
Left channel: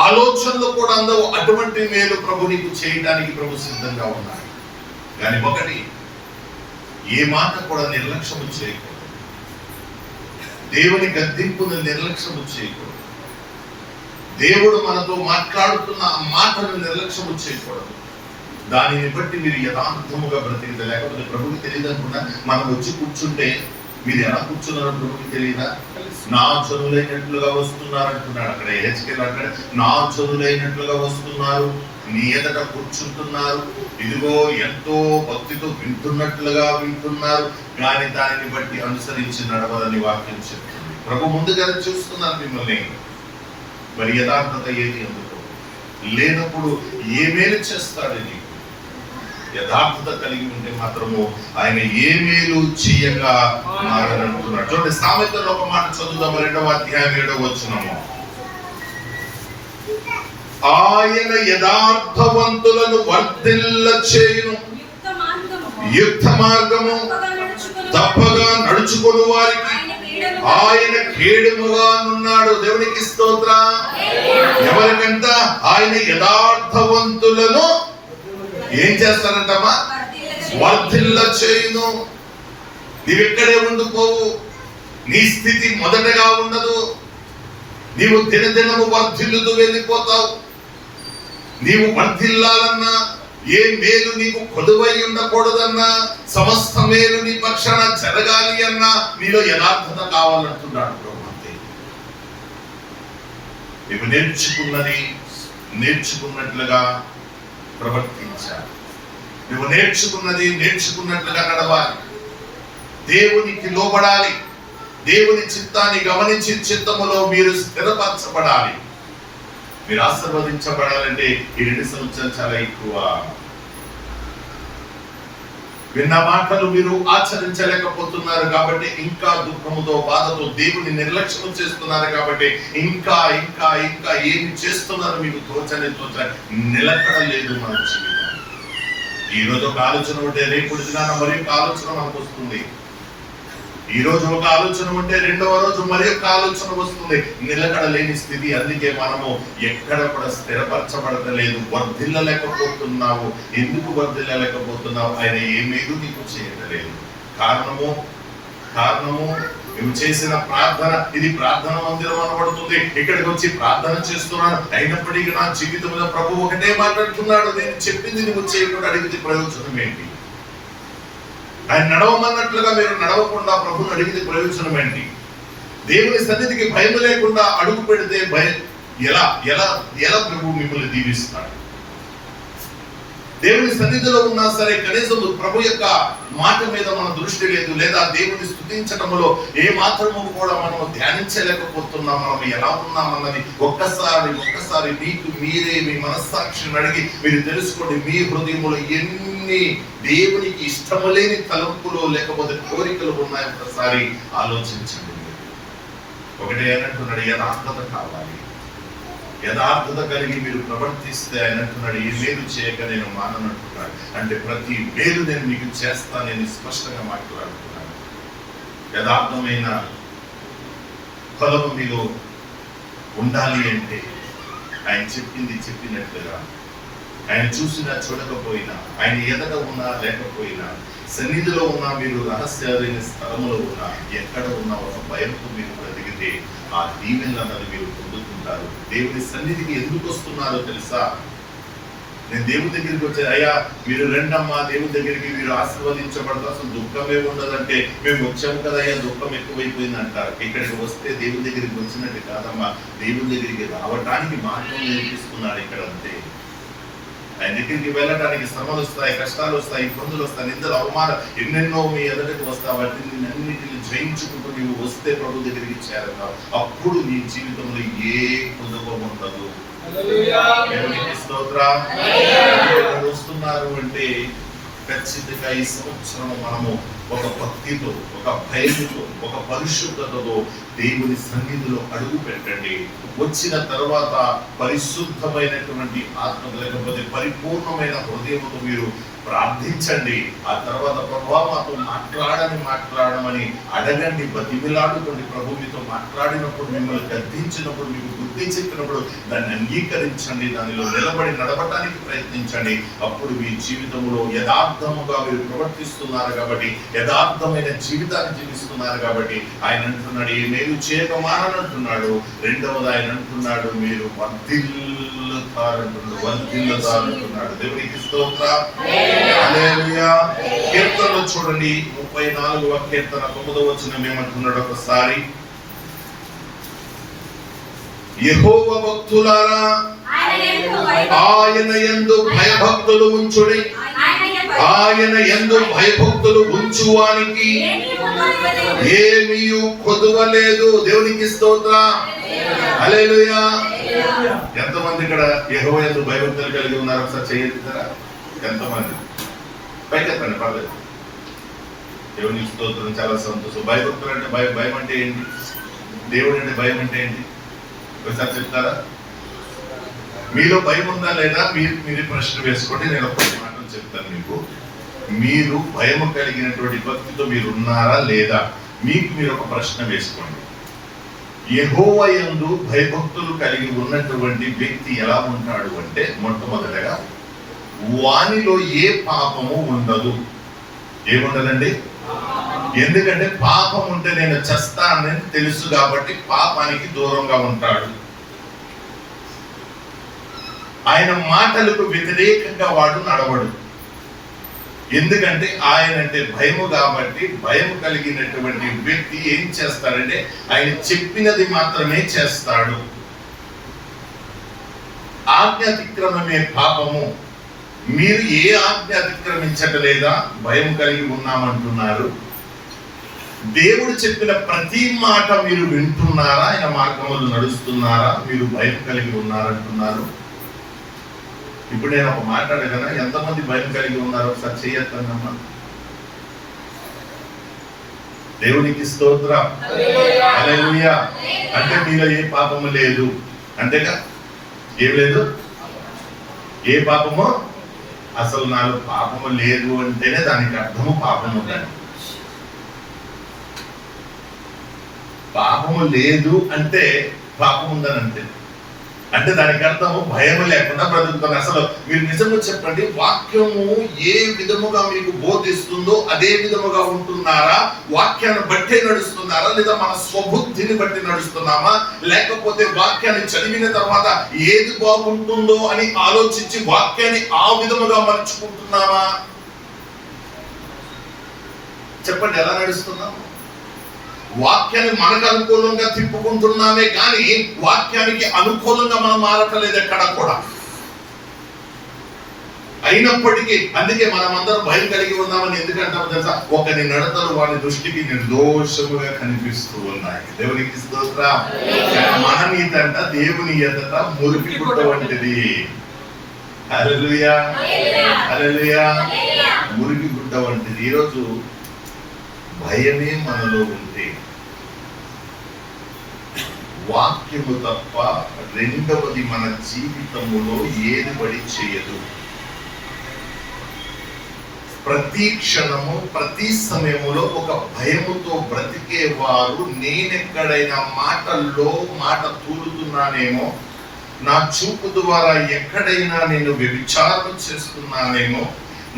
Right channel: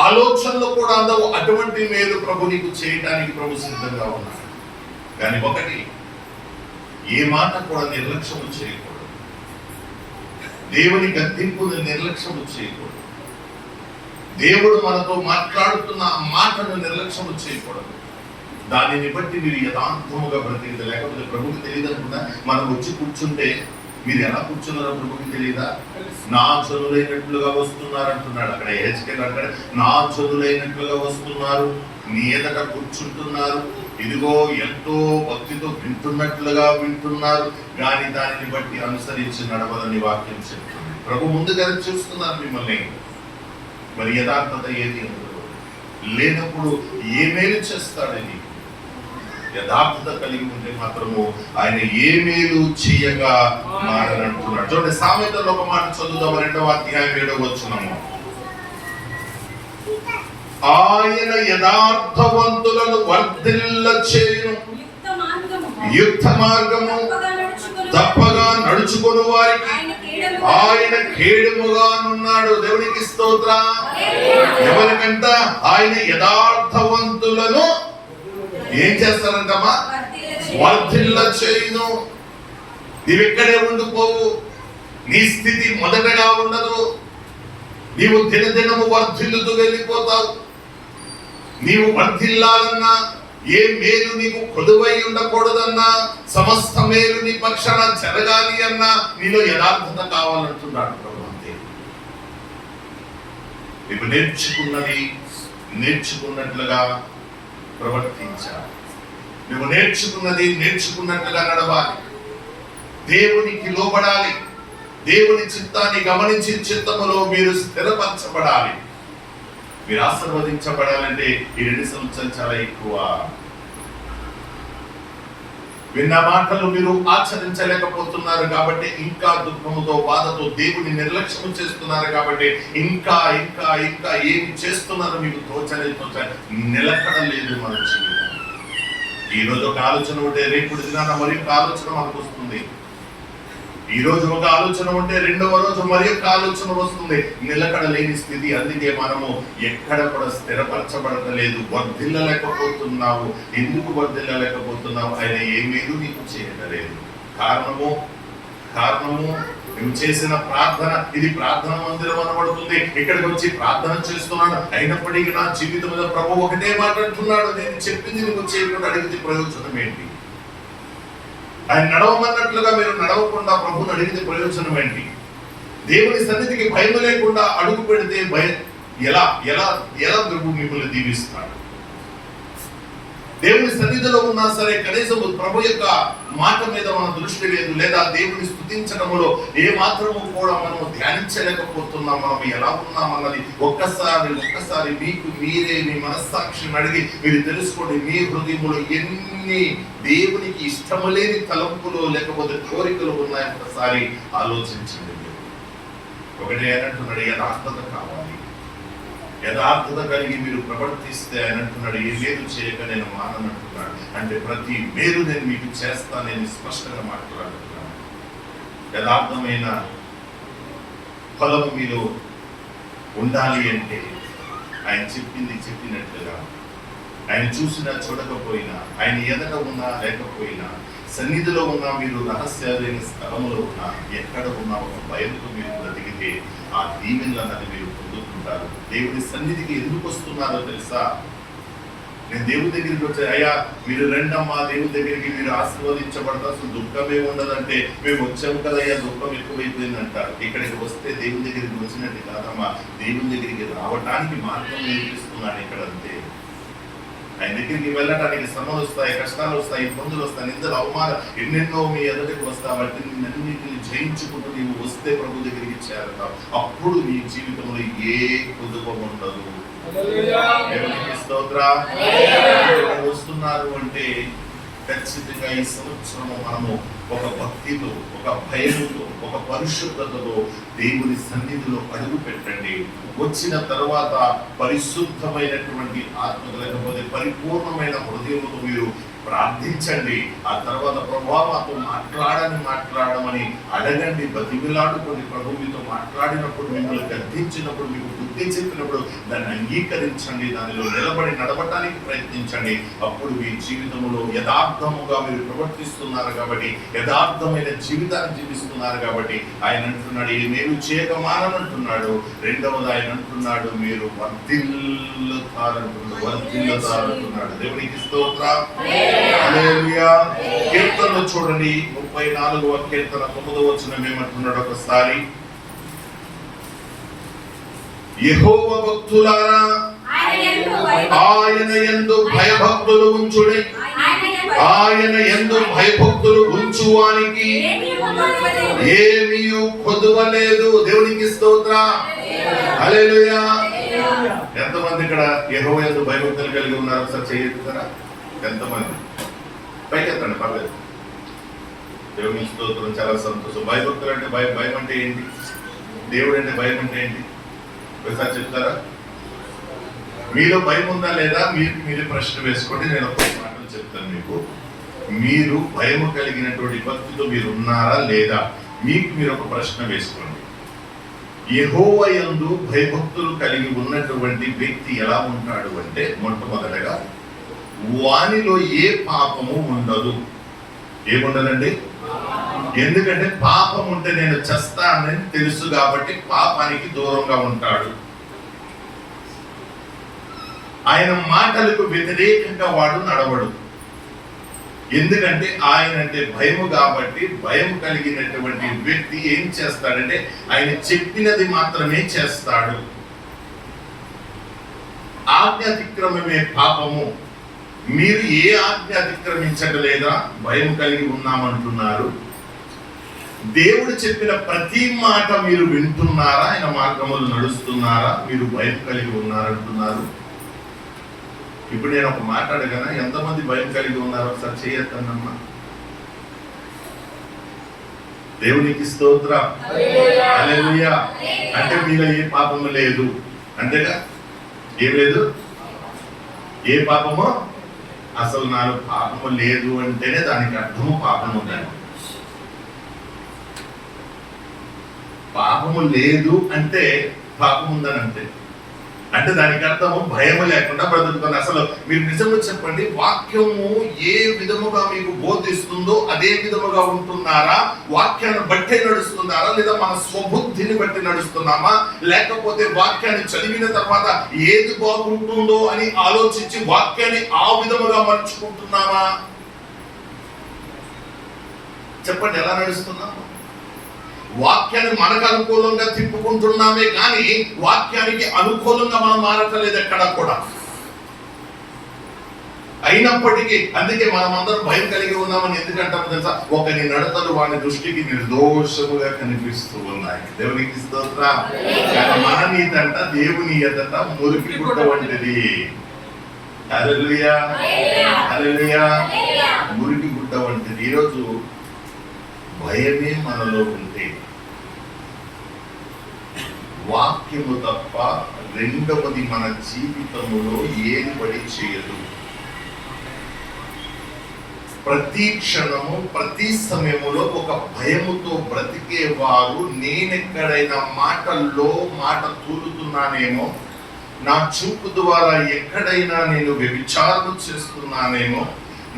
ఆలోచనలు కూడా అందవు అటువంటి మేలు ప్రభు నీకు చేయడానికి ప్రభు సిద్ధంగా ఉన్నాడు. కానీ ఒకటి, ఏ మాట కూడా నిర్లక్ష్యం చేయకూడదు. దేవుని గద్దింపును నిర్లక్ష్యం చేయకూడదు. దేవుడు మనతో మాట్లాడుతున్న ఆ మాటను నిర్లక్ష్యం చేయకూడదు. దానిని బట్టి మీరు యథార్థముగా బ్రతికితే, లేకపోతే ప్రభుకి తెలియదు అనుకున్నా మనం వచ్చి కూర్చుంటే మీరు ఎలా కూర్చున్నారో ప్రభుకి తెలియదా? నా జనులైనట్లుగా వస్తున్నారు అంటున్నాడు. అక్కడ హెచ్కెల్ అంటాడు, నా జనులైనట్లుగా వస్తున్నారు, నీ ఎదుట కూర్చుంటున్నారు, ఇదిగో ఎంతో భక్తితో వింటున్నట్లుగా వింటున్నారు, కానీ దానిని బట్టి అనుసరించి నడవదని వాక్యం చెప్తుంది. ప్రభు ముందుగా చూస్తున్నారు మిమ్మల్ని. మరి యథార్థత ఏది ఎందుకు లేనప్పుడు ఏ మేలు చేస్తాడని? యథార్థత కలిగి ఉంటే మాత్రము ఆయన ఏ మేలు చేయగా మారనంటున్నాడు. చూడండి, సామెతలో ఒక మాట చదువుదాం, 2వ అధ్యాయం 7వ వచనము. ఆయన యథార్థవంతులను వర్ధిల్ల చేయును, యుక్త మార్గము తప్పగా నడుచుకుని వారికి ఆయన కేడెముగా ఉన్నాడు. దేవునికి స్తోత్రం. ఎవరికంట? ఆయన యథార్థవంతులను ఏం చేస్తారంటమ్మా? వర్ధిల్ల చేయును. నీవెక్కడే ఉండిపోవు, నీ స్థితి మొదటగా ఉండదు. నీవు దినదినము వర్ధిల్లుతూ వెళ్ళిపోతావు. నీవు వర్ధిల్లాలన్నా, ఏ మేలు నీకు కొదువై ఉండకూడదన్నా, సమస్త మేలు నీ పక్షాన జరగాలి అన్నా నీలో యథార్థత కావాలంటున్నాడు ప్రభు. అంతే, నీవు నేర్చుకున్నట్లుగా ప్రవర్తించాలి. నువ్వు నేర్చుకున్నట్లుగా నడవాలి. దేవునికి లోబడాలి. దేవుని చిత్తాన్ని గమనించి చిత్తములో మీరు స్థిరపరచబడాలి. మీరు ఆశీర్వదించబడాలంటే ఈ 2 సంవత్సరాలు చాలా ఎక్కువ. విన్న మాటలు మీరు ఆచరించలేకపోతున్నారు కాబట్టి, ఇంకా దుఃఖముతో బాధతో దేవుని నిర్లక్ష్యం చేస్తున్నారు కాబట్టి, ఇంకా ఇంకా ఇంకా ఏమి చేస్తున్నారో మీకు తోచని నిలకడ లేదు మన జీవితం. ఈ రోజు ఒక ఆలోచన ఉంటే రేపు దినాన మరి ఒక ఆలోచన మనకు వస్తుంది. ఈ రోజు ఒక ఆలోచన ఉంటే రెండవ రోజు మరి ఒక ఆలోచన వస్తుంది. నిలకడలేని స్థితి. అందుకే మనము ఎక్కడ కూడా స్థిరపరచబడతలేదు, వర్ధిల్లలేకపోతున్నావు. ఎందుకు వర్ధిల్లలేకపోతున్నావు? ఆయన ఏమేదో నీకు చేయలేదు. కారణము నువ్వు చేసిన ప్రార్థన. ఇది ప్రార్థన మందిరం అనబడుతుంది. ఇక్కడికి వచ్చి ప్రార్థన చేస్తున్నాను, అయినప్పటికీ నా జీవితంలో ప్రభు ఒకటే మాట్లాడుతున్నాడు, నేను చెప్పింది నువ్వు చేయకుండా అడిగితే ప్రయోజనం ఏంటి? ఆయన నడవమన్నట్లుగా మీరు నడవకుండా ప్రభుని అడిగితే ప్రయోజనం ఏంటి? దేవుని సన్నిధికి భయం లేకుండా అడుగు పెడితే ఎలా ఎలా ఎలా ప్రభు మిమ్మల్ని దీవిస్తాడు? దేవుని సన్నిధిలో ఉన్నా సరే కనీసం ప్రభు యొక్క మాట మీద మన దృష్టి లేదు, లేదా దేవుని స్తుతించడంలో ఏ మాత్రము కూడా మనము ధ్యానించలేకపోతున్నాం. మనం ఎలా ఉన్నామన్నది ఒక్కసారి మీకు మీరే మీ మనస్సాక్షిని అడిగి మీరు తెలుసుకోండి. మీ హృదయంలో ఎన్ని దేవునికి ఇష్టము లేని తలంపులు లేకపోతే కోరికలు ఉన్నాయో ఒకసారి ఆలోచించండి. ఒకటే అంటున్నాడు, యథార్థత కావాలి. యథార్థత కలిగి మీరు ప్రవర్తిస్తే ఆయన అంటున్నాడు, ఏ మేలు చేయక నేను మాననంటున్నాడు. అంటే ప్రతి మేలు నేను మీకు చేస్తానని స్పష్టంగా మాట్లాడుతున్నాను. యథార్థమైన ఫలము మీరు ఉండాలి అంటే ఆయన చెప్పింది చెప్పినట్లుగా, ఆయన చూసినా చూడకపోయినా, ఆయన ఎదట ఉన్నా లేకపోయినా, సన్నిధిలో ఉన్నా, మీరు రహస్యమైన స్థలంలో ఉన్నా, ఎక్కడ ఉన్నా ఒక భయంతో మీరు బ్రతికితే ఆ దీవెనలు అన్నది మీరు పొందుకుంటారు. దేవుని సన్నిధికి ఎందుకు వస్తున్నారో తెలుసా? నేను దేవుని దగ్గరికి వచ్చే, అయ్యా మీరు రెండమ్మా దేవుని దగ్గరికి, మీరు ఆశీర్వదించబడతారు, అసలు దుఃఖమే ఉండదంటే మేము వచ్చాము కదా అయ్యా దుఃఖం ఎక్కువైపోయింది అంటారు. ఇక్కడికి వస్తే దేవుని దగ్గరికి వచ్చినట్టు కాదమ్మా, దేవుని దగ్గరికి రావడానికి మార్గం నేర్పిస్తున్నాడు ఇక్కడ. అంతే. ఆయన దగ్గరికి వెళ్ళడానికి శ్రమలు వస్తాయి, కష్టాలు వస్తాయి, ఇబ్బందులు వస్తాయి, నిందలు, అవమానం ఎన్నెన్నో మీ ఎదుటికి వస్తాయి. వాటిని అన్నింటిని జయించుకుంటూ నీవు వస్తే ప్రభు దగ్గరికి చేరతావు. అప్పుడు నీ జీవితంలో ఏ కుదువ ఉండదు. వస్తున్నారు అంటే ఖచ్చితంగా ఈ సంవత్సరం మనము ఒక భక్తితో, ఒక భయముతో, ఒక పరిశుద్ధతతో దేవుని సన్నిధిలో అడుగు పెట్టండి. వచ్చిన తర్వాత పరిశుద్ధమైనటువంటి ఆత్మ లేకపోతే పరిపూర్ణమైన హృదయంతో మీరు ప్రార్థించండి. ఆ తర్వాత ప్రభువా మాతో మాట్లాడమని అడగండి, బతిమిలాడుకోండి. ప్రభు మీతో మాట్లాడినప్పుడు, మిమ్మల్ని గద్దించినప్పుడు, మీకు బుద్ధి చెప్పినప్పుడు దాన్ని అంగీకరించండి, దానిలో నిలబడి నడవటానికి ప్రయత్నించండి. అప్పుడు మీ జీవితంలో యథార్థముగా మీరు ప్రవర్తిస్తున్నారు కాబట్టి, యథార్థమైన జీవితాన్ని జీవిస్తున్నారు కాబట్టి ఆయన అంటున్నాడు, ఏ మేలు చేయక మాననంటున్నాడు. రెండవది ఆయన అంటున్నాడు, మీరు వర్ధిల్లుతారంటున్నాడు. దేవునికి స్తోత్రం. హల్లెలూయా. కీర్తనలు చూడండి, 34వ కీర్తన 9వ వచనం ఏమంటున్నాడు ఒకసారి. యెహోవా భక్తులారా ఆయన యందు భయభక్తులు ఉంచుడి, ఆయన యందు భయభక్తులు ఉంచువానికి ఏమీ కొదువలేదు. దేవునికి స్తోత్రం. హల్లెలూయా. ఎంతమంది ఇక్కడ యెహోవా యందు భయభక్తులు కలిగి ఉన్నారు? ఒకసారి చేయగలుగుతారా? ఎంతమంది? పైకెత్తండి, పర్లేదు. దేవునికి స్తోత్రం. చాలా సంతోషం. భయభక్తులు అంటే భయం అంటే ఏంటి? దేవుడు అంటే భయం అంటే ఏంటి? ఒకసారి చెప్తారా? మీలో భయం ఉందా లేదా? మీరు ప్రశ్న వేసుకోండి. నేను ఒక మాటలు చెప్తాను మీకు. మీరు భయం కలిగినటువంటి భక్తితో మీరు ఉన్నారా లేదా? మీరు ఒక ప్రశ్న వేసుకోండి. యెహోవా యందు భయభక్తులు కలిగి ఉన్నటువంటి వ్యక్తి ఎలా ఉంటాడు అంటే, మొట్టమొదటగా వానిలో ఏ పాపము ఉండదు. ఏముండదండి? ఎందుకంటే పాపం ఉంటే నేను చస్తానని తెలుసు కాబట్టి పాపానికి దూరంగా ఉంటాడు. ఆయన మాటలకు వ్యతిరేకంగా వాడు నడవడు. ఎందుకంటే ఆయన అంటే భయము కాబట్టి, భయం కలిగినటువంటి వ్యక్తి ఏం చేస్తాడంటే ఆయన చెప్పినది మాత్రమే చేస్తాడు. ఆజ్ఞ అతిక్రమమే పాపము. మీరు ఏ ఆజ్ఞ అతిక్రమించట్లేదా? భయం కలిగి ఉన్నామంటున్నారు. దేవుడు చెప్పిన ప్రతి మాట మీరు వింటున్నారా? ఆయన మార్గములు నడుస్తున్నారా? మీరు భయం కలిగి ఉన్నారంటున్నారు. ఇప్పుడు నేను ఒక మాట అడగనా? ఎంతమంది భయం కలిగి ఉన్నారో ఒకసారి చేయొద్దమ్మా. దేవునికి స్తోత్రం. హల్లెలూయా. అంటే మీలో ఏ పాపము లేదు, అంతేగా? ఏం లేదు? ఏ పాపము? అసలు నాలో పాపము లేదు అంటేనే దానికి అర్థము పాపము ఉందండి. పాపము లేదు అంటే పాపం ఉందని అంటే దానికి అర్థము భయము లేకుండా బ్రతుకుతాను. అసలు మీరు నిజంగా చెప్పండి, వాక్యము ఏ విధముగా మీకు బోధిస్తుందో అదే విధముగా ఉంటున్నారా? వాక్యాన్ని బట్టే నడుస్తున్నారా, లేదా మన స్వబుద్ధిని బట్టి నడుస్తున్నామా? లేకపోతే వాక్యాన్ని చదివిన తర్వాత ఏది బాగుంటుందో అని ఆలోచించి వాక్యాన్ని ఆ విధముగా మలుచుకుంటున్నామా? చెప్పండి, ఎలా నడుస్తున్నాము? వాక్యాన్ని మనకు అనుకూలంగా తిప్పుకుంటున్నామే కానీ వాక్యానికి అనుకూలంగా మనం మారట్లేదు ఎక్కడ కూడా. అయినప్పటికీ అందుకే మనం అందరం భయం కలిగి ఉన్నామని ఎందుకంటాము తెలుసా? ఒకని నడతలు వాడి దృష్టికి నిర్దోషముగా కనిపిస్తూ ఉన్నాయి. దేవునికి స్తోత్రం. మన నీతి అంట దేవుని ఎదుట మురికి గుట్ట వంటిది. హల్లెలూయా, హల్లెలూయా. మురికి గుట్ట వంటిది. ఈరోజు భయమే మనలో ఉంటే వాక్యము తప్ప రెండవది మన జీవితంలో ఏది పడి చేయదు. ప్రతి క్షణము ప్రతి సమయములో ఒక భయముతో బ్రతికే వారు, నేనెక్కడైనా మాటల్లో మాట తూలుతున్నానేమో, నా చూపు ద్వారా ఎక్కడైనా నేను వ్యభిచారం చేస్తున్నానేమో,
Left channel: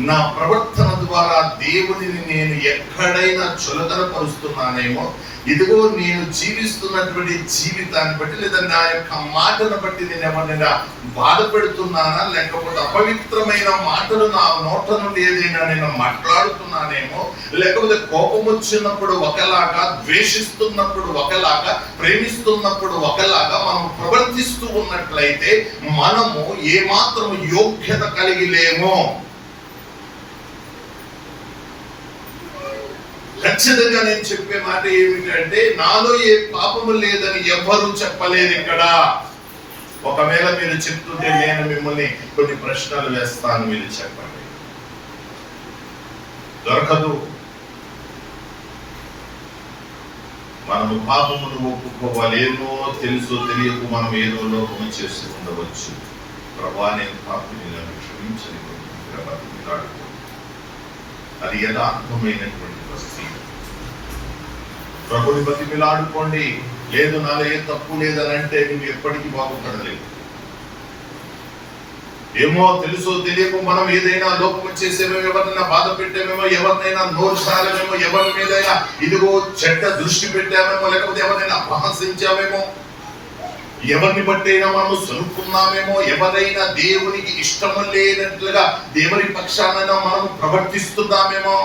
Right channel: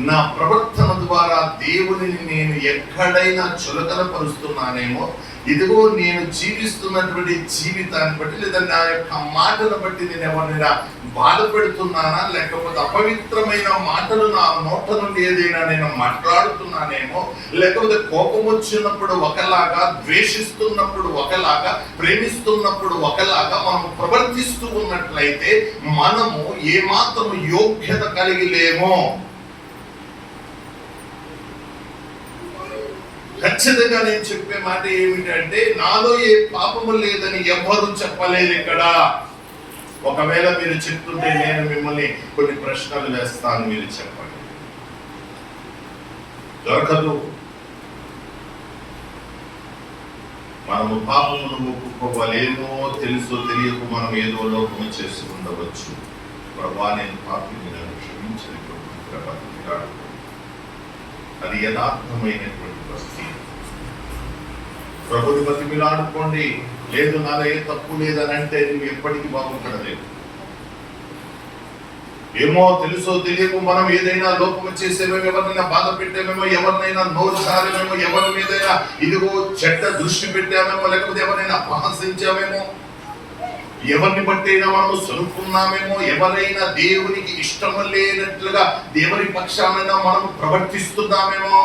నా ప్రవర్తన ద్వారా దేవునిని నేను ఎక్కడైనా చులకన పరుస్తున్నానేమో, ఇదిగో నేను జీవిస్తున్నటువంటి జీవితాన్ని బట్టి లేదా నా యొక్క మాటను బట్టి నేను ఎవరైనా బాధ పెడుతున్నానా, లేకపోతే అపవిత్రమైన మాటలు నా నోట నుండి ఏదైనా నేను మాట్లాడుతున్నానేమో, లేకపోతే కోపం వచ్చినప్పుడు ఒకలాగా, ద్వేషిస్తున్నప్పుడు ఒకలాగా, ప్రేమిస్తున్నప్పుడు ఒకలాగా మనం ప్రవర్తిస్తూ ఉన్నట్లయితే మనము ఏమాత్రం యోగ్యత కలిగి లేమో. ఖచ్చితంగా నేను చెప్పే మాట ఏమిటంటే, నాలో ఏ పాపము లేదని ఎవ్వరూ చెప్పలేదు ఇక్కడ. ఒకవేళ మీరు చెప్తుంటే నేను మిమ్మల్ని కొన్ని ప్రశ్నలు వేస్తాను, మీరు చెప్పండి. దొరకదు. మనము పాపమును ఒప్పుకోవాలేమో, తెలుసో తెలియకు మనం ఏదో లోపము చేసి ఉండవచ్చు. ప్రభువా, నేను పాపిని, నన్ను క్షమించని బ్రతికిలాడుకో. అది యథార్థమైనటువంటి పరిస్థితి. ప్రభుని బతికిలాడుకోండి. లేదు నాలో ఏ తప్పు లేదని అంటే నువ్వు ఎప్పటికీ బాగుపడలేదు. ఏమో తెలుసో తెలియకు మనం ఏదైనా లోపం చేసేమేమో, ఎవరినైనా బాధ పెట్టామేమో, ఎవరినైనా నోరు సారేమేమో, ఎవరి మీదైనా ఇదిగో చెడ్డ దృష్టి పెట్టామేమో, లేకపోతే ఎవరినైనా అపహసించామేమో, ఎవరిని బట్టైనా మనము సనుక్కున్నామేమో, ఎవరైనా దేవునికి ఇష్టం లేనట్లుగా దేవుని పక్షానైనా మనం ప్రవర్తిస్తున్నామేమో.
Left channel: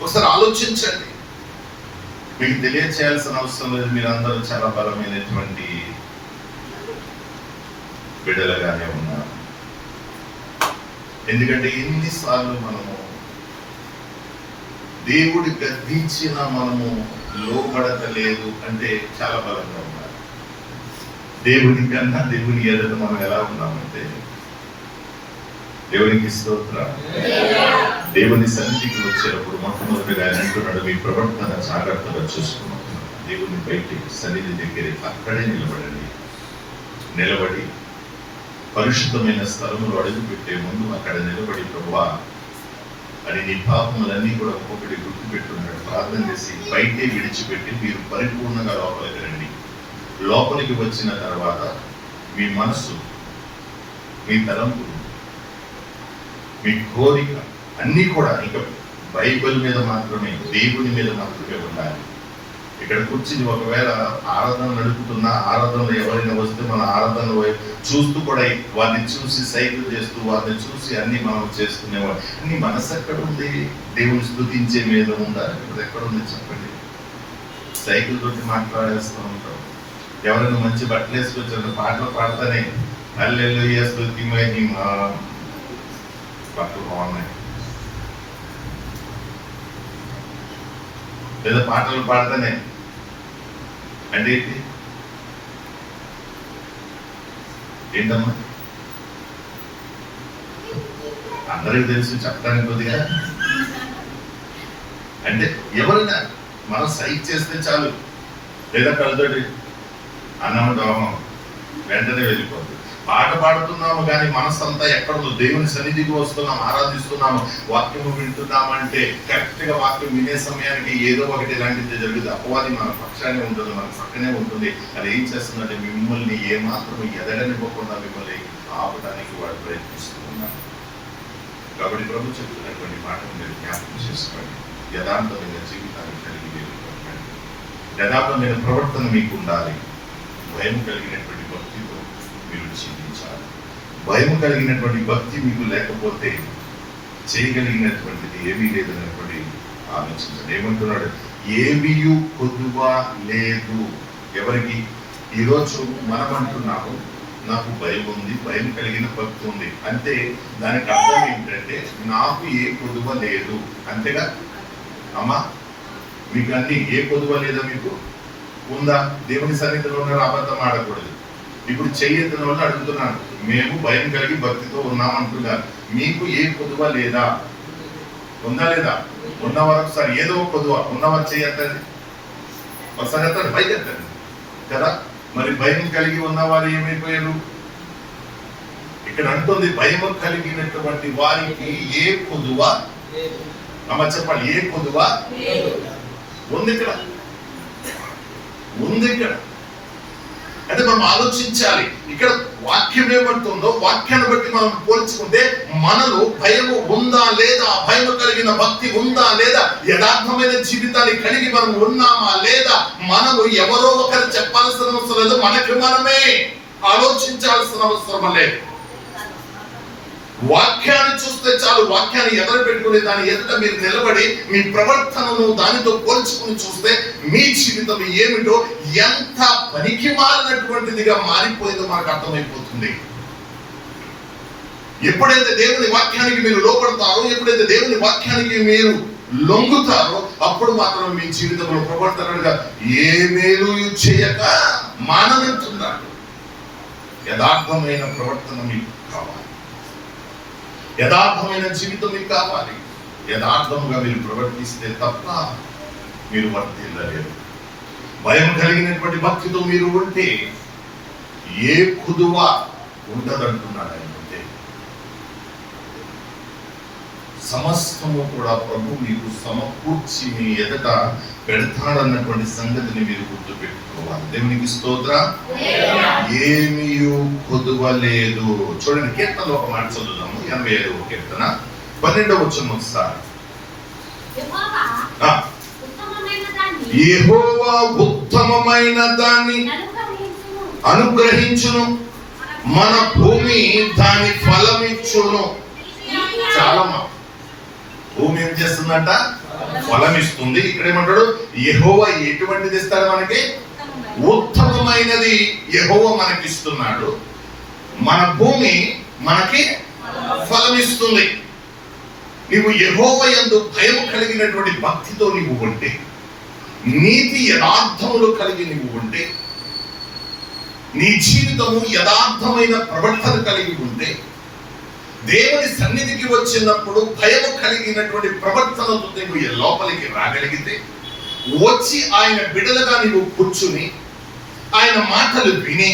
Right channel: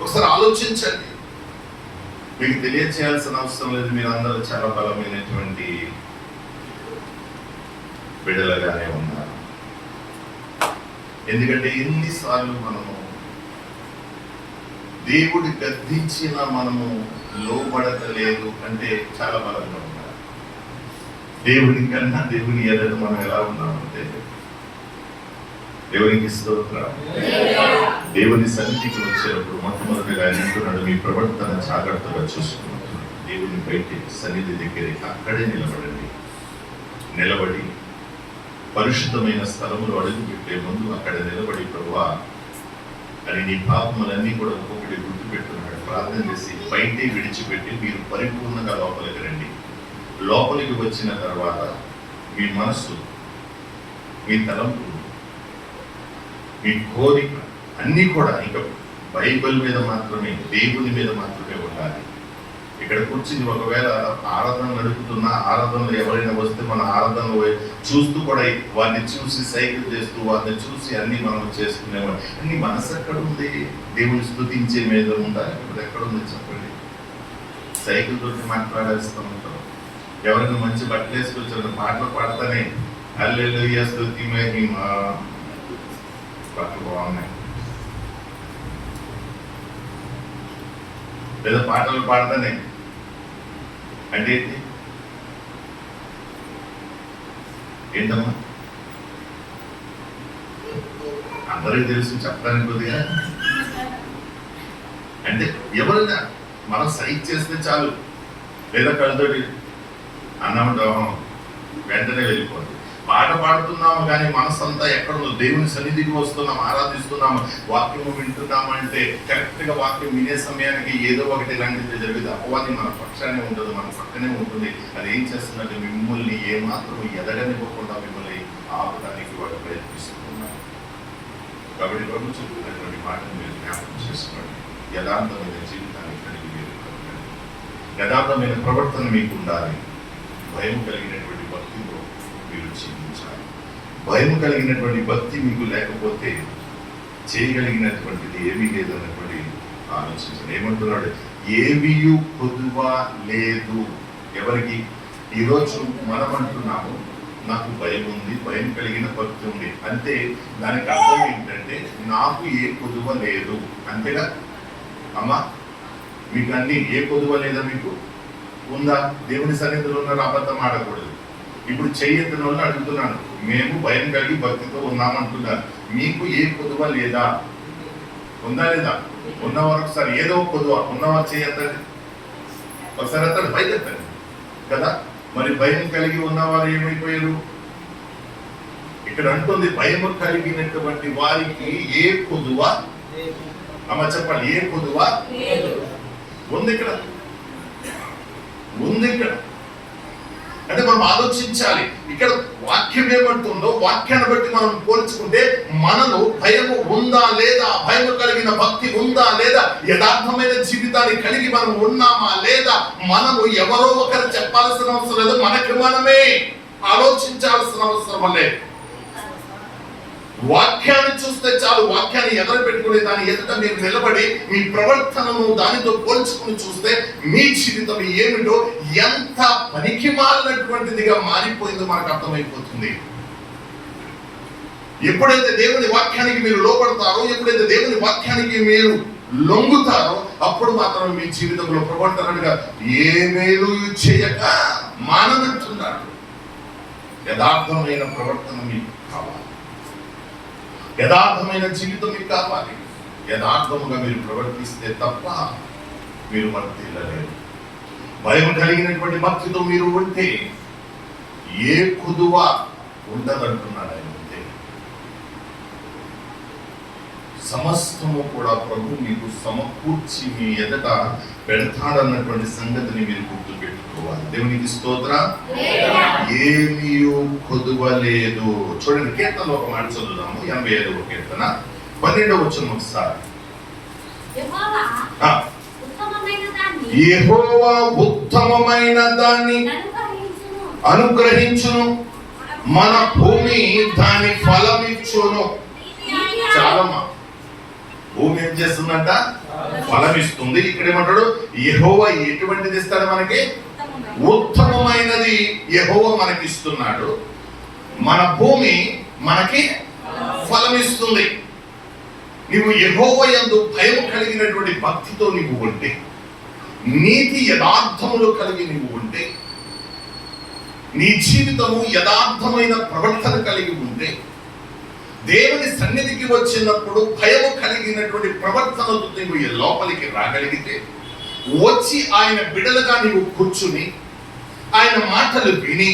ఒకసారి ఆలోచించండి. మీకు తెలియచేయాల్సిన అవసరం లేదు, మీరందరూ చాలా బలమైనటువంటి బిడ్డలుగానే ఉన్నారు. ఎందుకంటే ఎన్నిసార్లు మనము దేవుడి గద్దించిన మనము లోబడతలేదు అంటే చాలా బలంగా ఉన్నారు. దేవుని కన్నా దేవుని ఎదుట మనం ఎలా ఉన్నామంటే, దేవునికి స్తోత్రం. దేవుని సన్నిధికి వచ్చేటప్పుడు మొట్టమొదటిగా ఆయన అంటున్నాడు, మీ ప్రవర్తన జాగ్రత్తగా చూసుకున్నాం. దేవుని బయటికి సన్నిధి దగ్గరికి అక్కడే నిలబడి పరిశుద్ధమైన స్థలంలో అడుగు పెట్టే ముందు అక్కడ నిలబడి, ప్రభువా అని నీ పాపములన్నీ కూడా ఒక్కొక్కటి గుర్తుపెట్టున్నాడు. ప్రార్థన చేసి బయటే విడిచిపెట్టి మీరు పరిపూర్ణంగా లోపలికి రండి. లోపలికి వచ్చిన తర్వాత మీ మనస్సు, మీ తలంపు, మీ కోరిక అన్నీ కూడా ఇక బైబిల్ మీద మాత్రమే, దేవుని మీద మాత్రమే ఉండాలి. ఇక్కడ కూర్చుని ఒకవేళ ఆరాధన నడుపుతున్నా, ఆరాధనలో ఎవరైనా వస్తే మన ఆరాధనలో చూస్తూ కూడా వారిని చూసి సైకిల్ చేస్తూ, వారిని చూసి అన్ని మనం చేసుకునేవాడు. అన్ని మనసు ఎక్కడ ఉంది? దేవుని స్తుతించే మీద ఉందా? ఇప్పుడు ఎక్కడ ఉంది చెప్పండి? సైకిల్ తోటి మాట్లాడేస్తూ ఉంటాం. ఎవరైనా మంచి బట్టలు వేసుకొచ్చారు, పాటలు పాడతానే హల్లెలూయా స్తుతి మహిమ, బట్టలు బాగున్నాయి. లేదా పాటలు పాడతానే అంటే ఏంటమ్మా? అందరికీ తెలుసు, చెప్పడానికి కొద్దిగా అంటే ఎవరైనా మనం సైక్ చేస్తే చాలు, లేదా కళ్ళతోటి అన్నం వెంటనే వెళ్ళిపోతుంది. పాట పాడుతున్నాము కానీ మనసంతా ఎక్కడో దేవుని సన్నిధికి వస్తున్నాము, ఆరాధిస్తున్నాము, వాక్యము వింటున్నాము అంటే కరెక్ట్గా వాక్యం వినే సమయానికి ఏదో ఒకటి ఇలాంటిది జరుగుతుంది. అపవాది మన పక్షానే ఉంటుంది, మన పక్కనే ఉంటుంది. అది ఏం చేస్తుందంటే మిమ్మల్ని ఏమాత్రం ఎదగనివ్వకుండా మిమ్మల్ని ఆపడానికి వాడు ప్రయత్నిస్తున్నాడు. కాబట్టి ప్రభు చెప్తున్నటువంటి మాటను మీరు జ్ఞాపకం చేసుకోండి. యథార్థమైన జీవితాన్ని కలిగి మీరు బ్రతకండి. యథార్థమైన ప్రవర్తన మీకు ఉండాలి. భయం కలిగినటువంటి భక్తితో మీరు జీవించాలి. భయం కలిగినటువంటి భక్తి మీకు లేకపోతే చేయగలిగినటువంటిది ఏమీ లేదన్నటువంటి ఆలోచించండి. ఏమంటున్నాడు? ఏమీ కొదువ లేదు. ఎవరికి? ఈరోజు మనం అంటున్నాము నాకు భయం ఉంది, భయం కలిగిన భక్తి ఉంది అంటే దానికి అర్థం ఏంటంటే నాకు ఏ కొదువ లేదు. అంతేగా అమ్మా? మీకు అన్ని ఏ కొదువ లేదా? మీకు ఉందా? దేవుని సన్నిధిలో ఉన్నారు, అబద్ధం ఆడకూడదు. ఇప్పుడు చెయ్యెత్తిన వాళ్ళు అడుగుతున్నాను, మేము భయం కలిగి భక్తితో ఉన్నామంటున్నారు, మీకు ఏ కొదువ లేదా? ఉందా లేదా? ఉన్నవారు ఒకసారి ఏదో కొదువ ఉన్నవారు చెయ్యొద్దండి, ఒకసారి ఎత్తండి, పైకి ఎత్తండి కదా. మరి భయం కలిగి ఉన్నవారు ఏమైపోయారు? ఇక్కడ అంటుంది భయం కలిగినటువంటి వారికి ఏ కొదువ? అమ్మ చెప్పాలి, ఏ కొదువ ఉంది? ఇక్కడ ఉంది. ఇక్కడ అంటే మనం ఆలోచించాలి. ఇక్కడ వాక్యం ఏమంటుందో వాక్యాన్ని బట్టి మనం పోల్చుకుంటే మనలో భయము ఉందా లేదా, భయము కలిగిన భక్తి ఉందా లేదా, యథార్థమైన జీవితాన్ని కలిగి మనం ఉన్నామా లేదా, మనము ఎవరో ఒకరు చెప్పాల్సిన అవసరం లేదు, మనకి మనమే ఆలోచించాల్సిన అవసరం లేదు. వాక్యాన్ని చూస్తే చాలు. వాక్యాన్ని ఎదురు పెట్టుకుని దాని ఎదుట మీరు నిలబడి మీ ప్రవర్తనను దానితో పోల్చుకుని చూస్తే మీ జీవితం ఏమిటో, ఎంత పనికి మారినటువంటిదిగా మారిపోయిందో మనకు అర్థమైపోతుంది. ఎప్పుడైతే దేవుని వాక్యానికి మీరు లోపడతారో, ఎప్పుడైతే దేవుని వాక్యానికి మీరు లొంగుతారో, అప్పుడు మాత్రం మీ జీవితంలో ప్రవర్తనగా ఏ మేలు చేయక మాననంటున్నాడు. యథార్థమైన ప్రవర్తన మీకు కావాలి, యథార్థమైన జీవితం మీకు కావాలి. యథార్థముగా మీరు ప్రవర్తిస్తే తప్ప మీరు వర్తిల్లలేరు. భయం కలిగినటువంటి భక్తితో మీరు ఉంటే ఏ కుదువ ఉండదంటున్నాడు ఆయన. ఉంటే సమస్తము కూడా ప్రభు మీకు సమకూర్చి మీ ఎదుట పెడతాడన్నటువంటి సంగతిని మీరు గుర్తు పెట్టుకోవాలి. దేవునికి స్తోత్రం. ఏమీ కొదువ లేదు. చూడండి, కీర్తనలో ఒక మాట చదువుదాము. 85వ కీర్తన 12వ వచనం ఒకసారి. యెహోవా ఉత్తమమైన దాన్ని అనుగ్రహించును, మన భూమి దాని ఫలమిచ్చును. చాలా భూమి ఏం చేస్తుందంట? ఫలమిస్తుంది. ఇక్కడ ఏమంటాడు? యెహోవా ఎటువంటిది ఇస్తాడు మనకి? ఉత్తమమైనది యెహోవా మనకిస్తున్నాడు. మన భూమి మనకి ఫలమిస్తుంది. నీవు యెహోవా యందు భయం కలిగినటువంటి భక్తితో నీవు ఉంటే, నీతి యథార్థములు కలిగి నీవు ఉంటే, నీ జీవితము యథార్థమైన ప్రవర్తన కలిగి ఉంటే, దేవుని సన్నిధికి వచ్చినప్పుడు భయము కలిగినటువంటి ప్రవర్తనతో నీవు లోపలికి రాగలిగితే, వచ్చి ఆయన బిడలుగా నీవు కూర్చుని ఆయన మాటలు విని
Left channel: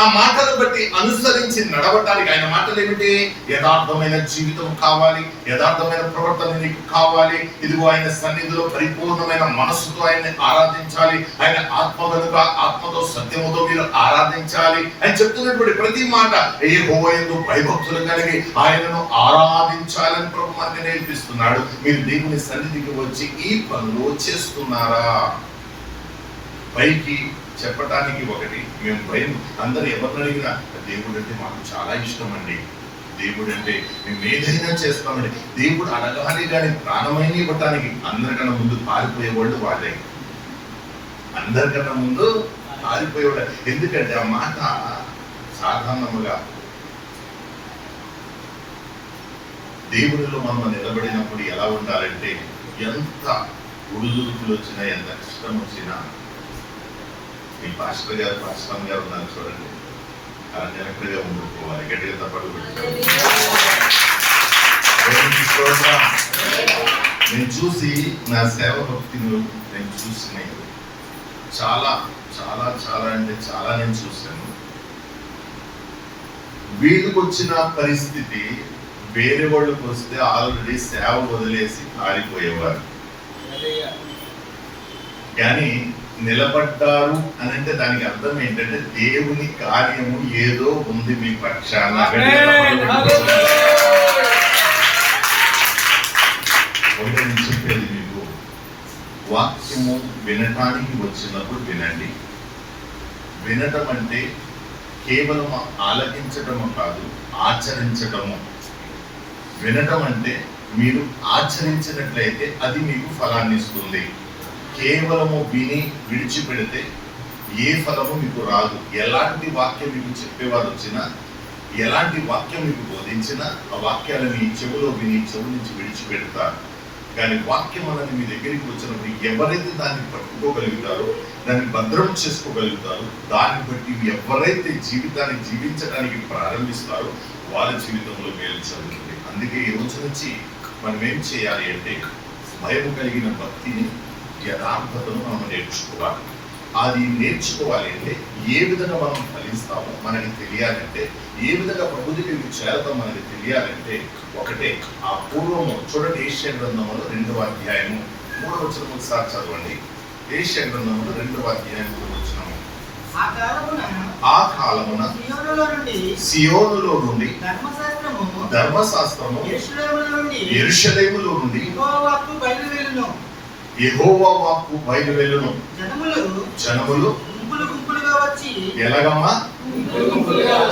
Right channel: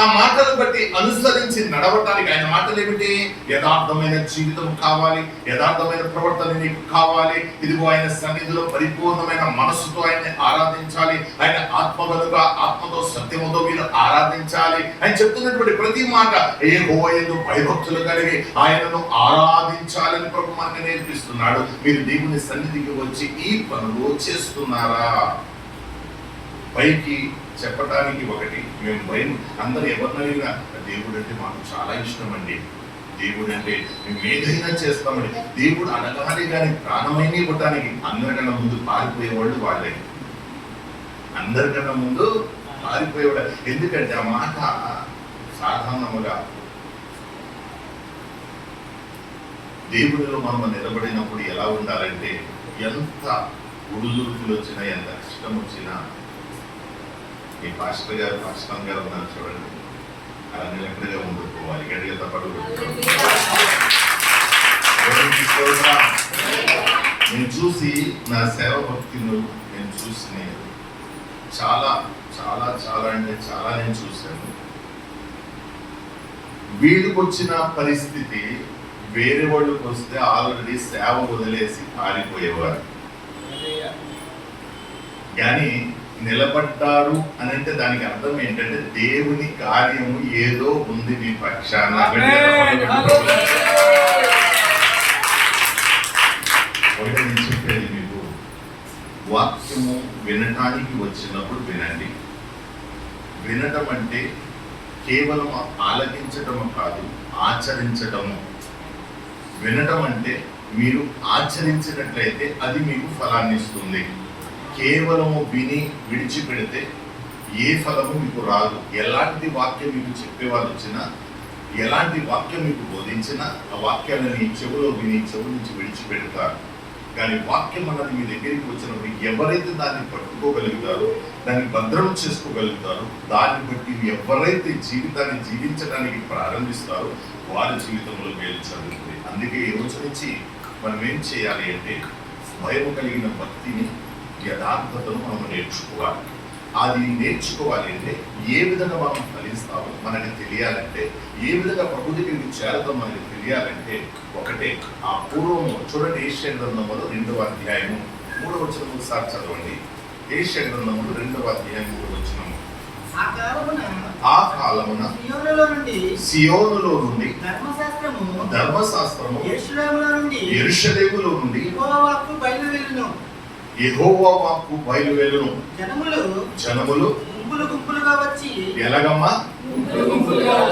ఆ మాటలు బట్టి అనుసరించి నడవటానికి, ఆయన మాటలు ఏమిటి? యథార్థమైన జీవితం కావాలి, యథార్థమైన ప్రవర్తన నీకు కావాలి. ఇదిగో ఆయన సన్నిధిలో పరిపూర్ణమైన మనసుతో ఆయన్ని ఆరాధించాలి. ఆయన ఆత్మ కనుక ఆత్మతో సత్యముతో మీరు ఆరాధించాలి. ఆయన చెప్తున్నటువంటి ప్రతి మాట యెహోవా యందు భయభక్తులు కలిగి ఆయనను ఆరాధించాలని ప్రభు మనకు నేర్పిస్తున్నాడు. మీరు దేవుని సన్నిధికి వచ్చి ఈ పనులు చేస్తున్నారా? పైకి చెప్పటానికి ఒకటి, మేము భయం అందరూ ఎవరిని అడిగినా దేవుడు అంటే మాకు చాలా ఇష్టం అండి, దేవుడు అంటే మేము ఏదైనా చేస్తామండి, దేవుడు అనగానే కానీ ప్రాణమైన ఇవ్వటానికి అందరికన్నా ముందు పారిపోయేవాళ్ళు వాళ్ళే. అందరికన్నా ముందు పారిపోయేవాళ్ళు. ఎందుకంటే ఆ మాట సాధారణముగా దేవుడిలో మనం నిలబడినప్పుడు ఎలా ఉండాలంటే, ఎంత ఉడుదుడుకులు వచ్చినా, ఎంత కష్టం వచ్చినా, మీ పాస్టర్ గారు ఉన్నారు చూడండి, అలా నిలకడగా ఉండిపోవాలి. గట్టిగా తప్పడు పెట్టుకోవాలి. నేను చూసి నా సేవ భక్తిని నేను చూసిన చాలా చాలా చాలా అంటే చాలా నేను చూశాను. వీళ్ళకి వచ్చిన పరిస్థితి వేరే వాళ్ళకి వస్తే ఆల్రెడీ సేవ వదిలేసి పారిపోయేవారు. కానీ నిలబడ్డారు అని అంటే దానికి అర్థం ఏంటంటే దేవుని కార్యము ఏదో ఉంది మీ పక్షాన. నేను చెప్పేది మీకు, వాక్యము వినటానికి వచ్చినప్పుడు వినండి. వినటం అంటే కేవలం ఆలకించటము కాదు, ఆచరించటము. వినటం అంటే మీరు ఆచరించినట్లయితే అది మీకు ఫలాన్ని ఇస్తుంది. కేవలము విని విడిచిపెడితే ఏ ఫలము మీకు రాదు. ఎలాంటి వాక్యం మీకు చెప్పేవారు వచ్చినా, ఎలాంటి వాక్యం మీకు బోధించినా ఆ వాక్యాలని చెవులో విని చెవు నుంచి విడిచిపెడతారు. కానీ వాక్యం అన్నది మీ దగ్గరికి వచ్చినప్పుడు ఎవరైతే దాన్ని పట్టుకోగలుగుతారో, దాన్ని భద్రం చేసుకోగలుగుతారో, దాన్ని బట్టి ఎవరైతే జీవితాన్ని జీవించడానికి ప్రారంభిస్తారో వారి జీవితంలో మేలు జరుగుతుంది. అందుకే ఈ రోజు నుంచి మనం ఏం చేయాలి అంటే భయం కలిగిన భక్తిని, యథార్థతను మనం నేర్చుకోవాలి. అది నేర్చుకోవాలి అంటే ఏ విధంగా మనం ఫలిస్తామో మనకి తెలియాలంటే, ఏ విధంగా ప్రభు దగ్గరికి చేరతాం మనకి తెలియాలంటే ఒకటే, ఆ పూర్వము చూడండి. ఏషియా గ్రంథంలో 2వ అధ్యాయము 3వ వచనం ఒకసారి చదవండి. ఏషియా గ్రంథంలో 2వ అధ్యాయం 3వ వచనము. ఆ కాలమున సియోనులో నుండి ధర్మశాస్త్రము యెరూషలేములో నుండి యెహోవా వాక్కు బయలువెళ్ళును. జనములు గుంపులుగా వచ్చి ఎలాగమ్మా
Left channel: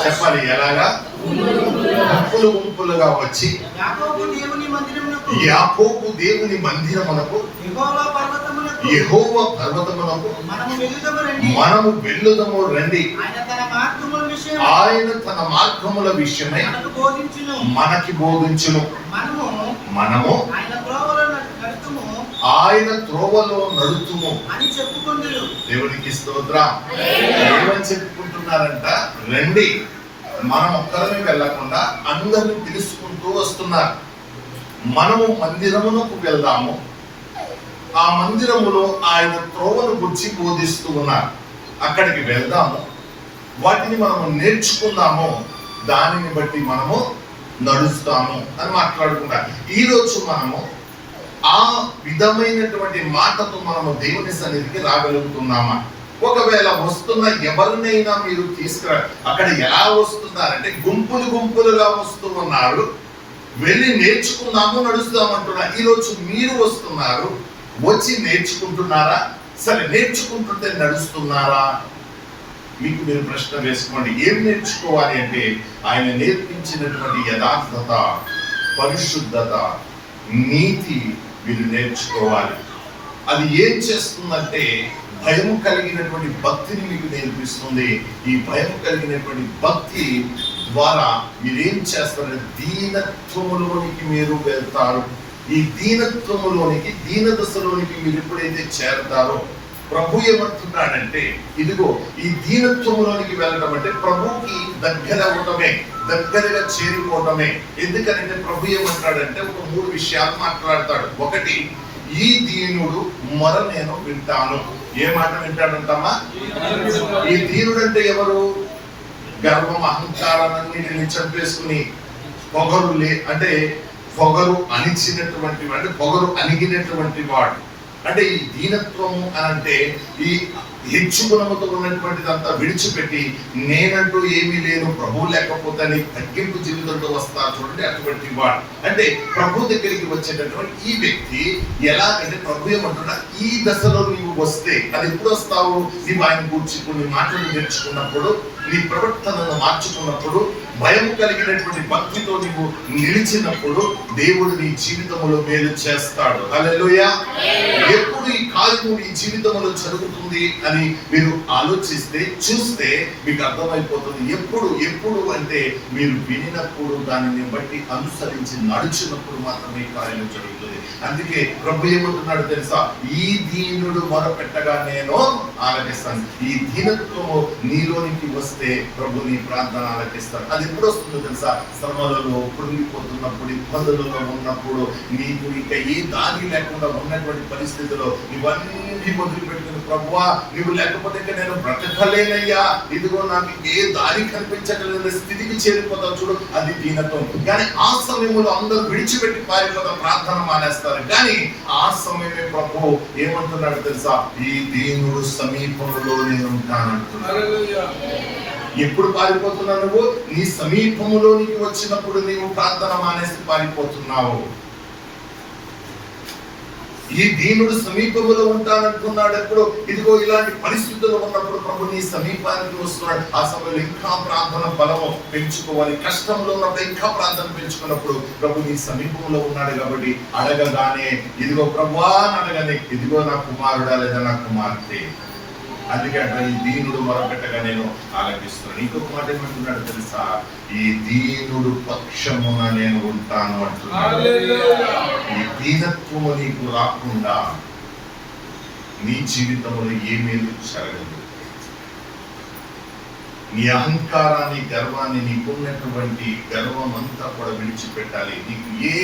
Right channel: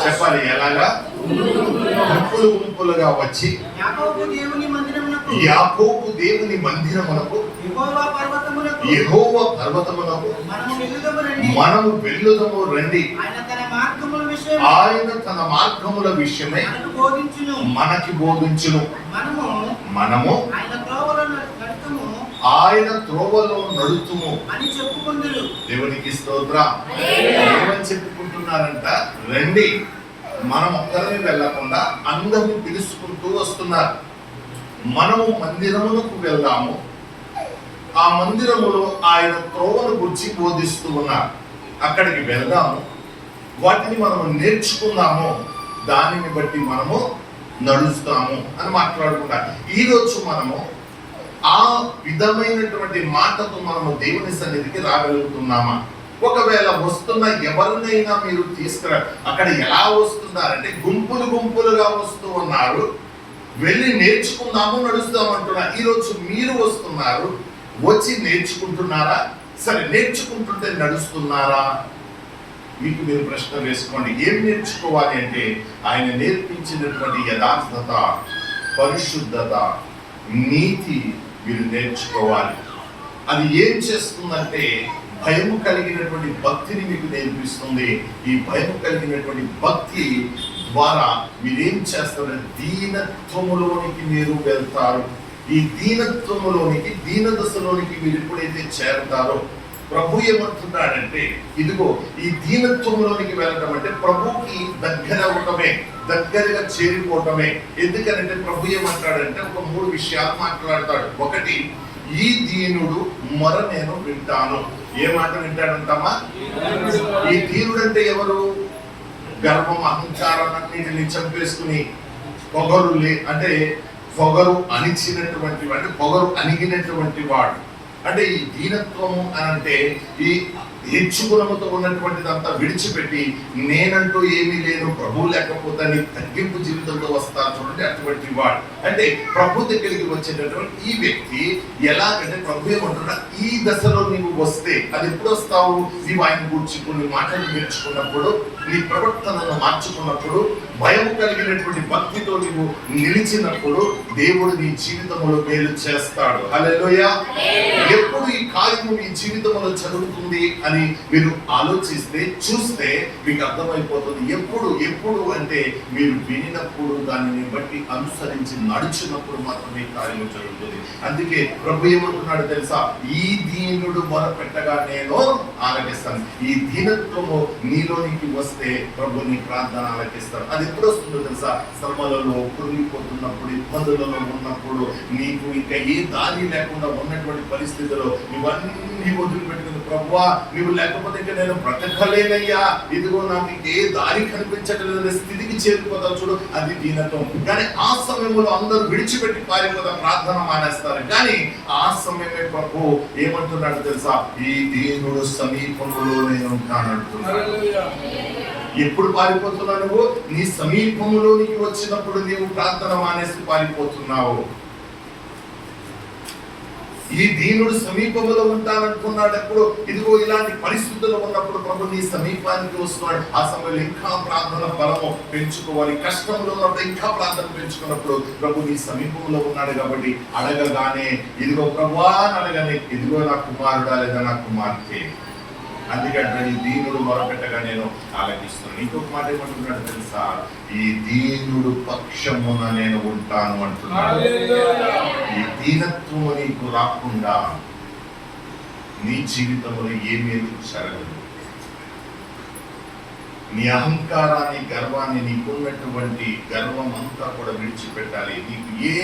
చెప్పాలి, ఎలాగా గుంపులుగా వచ్చి యాకోబు దేవుని మందిరమునకు యెహోవా పర్వతమునకు మనము వెళ్ళుదము రండి. ఆయన తన మార్గముల విషయమై మనకి బోధించును. మనము ఆయన త్రోవలో నడుతుము అని చెప్పుకుందరు. దేవునికి స్తోత్రం. ఏమని చెప్పుకుంటున్నారంట? రండి. మనం ఒక్కరిని వెళ్ళకుండా అందరిని పిలుచుకుంటూ వస్తున్నారు. మనము మందిరమునకు వెళ్దాము, ఆ మందిరములో ఆయన త్రోవను గురించి బోధిస్తూ ఉన్నారు. అక్కడికి వెళ్దాము, వాటిని మనము నేర్చుకుందాము, దానిని బట్టి మనము నడుస్తాము అని మాట్లాడుకుంటారు. ఈరోజు మనము ఆ విధమైనటువంటి మాటతో మనము దేవుని సన్నిధికి రాగలుగుతున్నామా? ఒకవేళ వస్తున్న ఎవరినైనా మీరు తీసుకురా, అక్కడ ఎలా వస్తున్నారంటే గుంపులుగా వస్తూ ఉన్నారు. వెళ్ళి నేర్చుకుందాము, నడుస్తాము అంటున్నారు. ఈరోజు మీరు వస్తున్నారు, వచ్చి నేర్చుకుంటున్నారా? సరే, నేర్చుకుంటుంటే నడుస్తున్నారా? మీకు మీరు ప్రశ్న వేసుకోండి. ఏం నేర్చుకోవాలి అంటే ఆయన నేర్పించినటువంటి యథార్థత, పరిశుద్ధత, నీతి మీరు నేర్చుకోవాలి. అది ఏం చేస్తుందంటే భయం కలిగినటువంటి భక్తిని మీకు నేర్పిస్తుంది. ఈ భయం కలిగినటువంటి భక్తి ద్వారా మీరేం చేస్తారంటే దీనత్వములోనికి మీరు వెళ్తారు. ఈ దీనత్వములోనికి, దీన దశలోనికి మీరు ఎప్పుడైతే చేరతారో ప్రభు ఏమంటున్నాడంటే, ఇదిగో ఈ దీనత్వంలోనికి వెళ్ళడం అంటే ప్రభుకి దగ్గర అవటమే, దగ్గరగా చేరిపోవటమే. ఎందుకనంటే ప్రభు ఏమంటాడంటే ఒక 3 విషయాలు మాట్లాడతాడు. ఒకటి, ఈ దీనుడు మొర నేను వింటాను. ఏ మాట వింటాడంటామా? ఈ దీనుడు అంటే ఎవరు? గర్వం, అహంకారాన్ని చంపేసుకుని అంటే పొగరు అణిచినటువంటి, అంటే పొగరు అణిగినటువంటి వాడు. అంటే ఈ దీనత్వము అని అంటే ఈ హెచ్చుగుణముతో ఉన్నటువంటిదంతా విడిచిపెట్టి నేనంటూ ఏమీ లేను, ప్రభు లేకపోతే తగ్గింపు జీవితంలో వస్తారు చూడండి, అటువంటి వాడు. అంటే ప్రభు దగ్గరికి వచ్చేటటువంటి ఈ వ్యక్తి ఎలాగంటే ప్రభు ఏమంటున్నా, ఈ దశలో నీవు వస్తే, అది ఎప్పుడు వస్తావు? నీవు ఆయన గురించి కొన్ని మాటలు నేర్చుకున్నప్పుడు, నీ ప్రవర్తనను మార్చుకున్నప్పుడు, భయం కలిగినటువంటి భక్తితో నీవు నిలిచినప్పుడు దేవుడు నీ జీవితంలో మేలు చేస్తాడు. హల్లెలూయా. ఎప్పుడు ఈ కార్యము నీ జీవితంలో జరుగుతుంది అని మీరు ఆలోచిస్తే, చూస్తే మీకు అర్థమైపోతుంది. ఎప్పుడు అంటే మీరు వినినప్పుడు, దానిని బట్టి అనుసరించి నడిచినప్పుడు మాత్రమే కార్యం జరుగుతుంది. అందుకే ప్రభు ఏమంటున్నాడు తెలుసా? ఈ దీనుడు మొరపెట్టగా నేను ఆలకిస్తాను. ఈ దీనత్వము నీలోనికి వస్తే ప్రభు నీ ప్రార్థన ఆలకిస్తాడు. అది ఎప్పుడు వస్తుందో తెలుసా? శ్రమలలో, కృంగిపోతున్నప్పుడు, ఇబ్బందులలో ఉన్నప్పుడు, నీకు ఇంకా ఏ దారి లేకుండా ఉన్నటువంటి పరిస్థితిలో ఇవన్నీ అన్ని వదిలిపెట్టుకుని, ప్రభువా నువ్వు లేకపోతే ఇంకా నేను బ్రతకలేనయ్యా, ఇదిగో నాకు ఏ దారి కనిపించట్లేదు స్థితికి చేరిపోతావు చూడు, అది దీనత్వం. కానీ ఆ సమయంలో అందరూ విడిచిపెట్టి పారిపోతా, ప్రార్థన మానేస్తారు. కానీ ఆ సమయమే ప్రభు ఏమంటున్నాడు తెలుసా? ఈ దీనుడు సమీపంలో నేను ఉంటానంటున్నాడు. ఎప్పుడు పారిపోతున్నావు నువ్వు? నీ సమీపంలోనికి వచ్చినప్పుడు నీవు ప్రార్థన మానేసి పారిపోతున్నావు. ఈ దీనుడు సమీపంలో ఉంటానంటున్నాడు ఎప్పుడు? ఇదిగో ఇలాంటి పరిస్థితుల్లో ఉన్నప్పుడు ప్రభు నీ సమీపానికి వస్తున్నాడు. ఆ సమయంలో ఇంకా ప్రార్థన బలము పెంచుకోవాలి. కష్టంలో ఉన్నప్పుడు ఇంకా ప్రార్థన పెంచుకున్నప్పుడు ప్రభు నీ సమీపంలో ఉన్నాడు కాబట్టి అడగగానే ఇదిగో ప్రభువా అని అడగానే, ఇదిగో నా కుమారుడా లేదా నా కుమార్తె. అందుకంటే ఈ దీనుడు మొరపెట్టగా నేను ఆలకిస్తున్నాను. ఇంకొక మాట ఏమంటున్నాడు తెలుసా? ఈ దీనుడు పక్షమున నేను ఉంటాను అంటున్నాడు. ఈ దీనత్వము నీకు రాకుండా నీ జీవితంలో ఏమేమి జరగదు. నీ అహంకారాన్ని, గర్వాన్ని, నీకున్నటువంటి గర్వం అంతా కూడా విడిచిపెట్టాలి. నీకు ఏ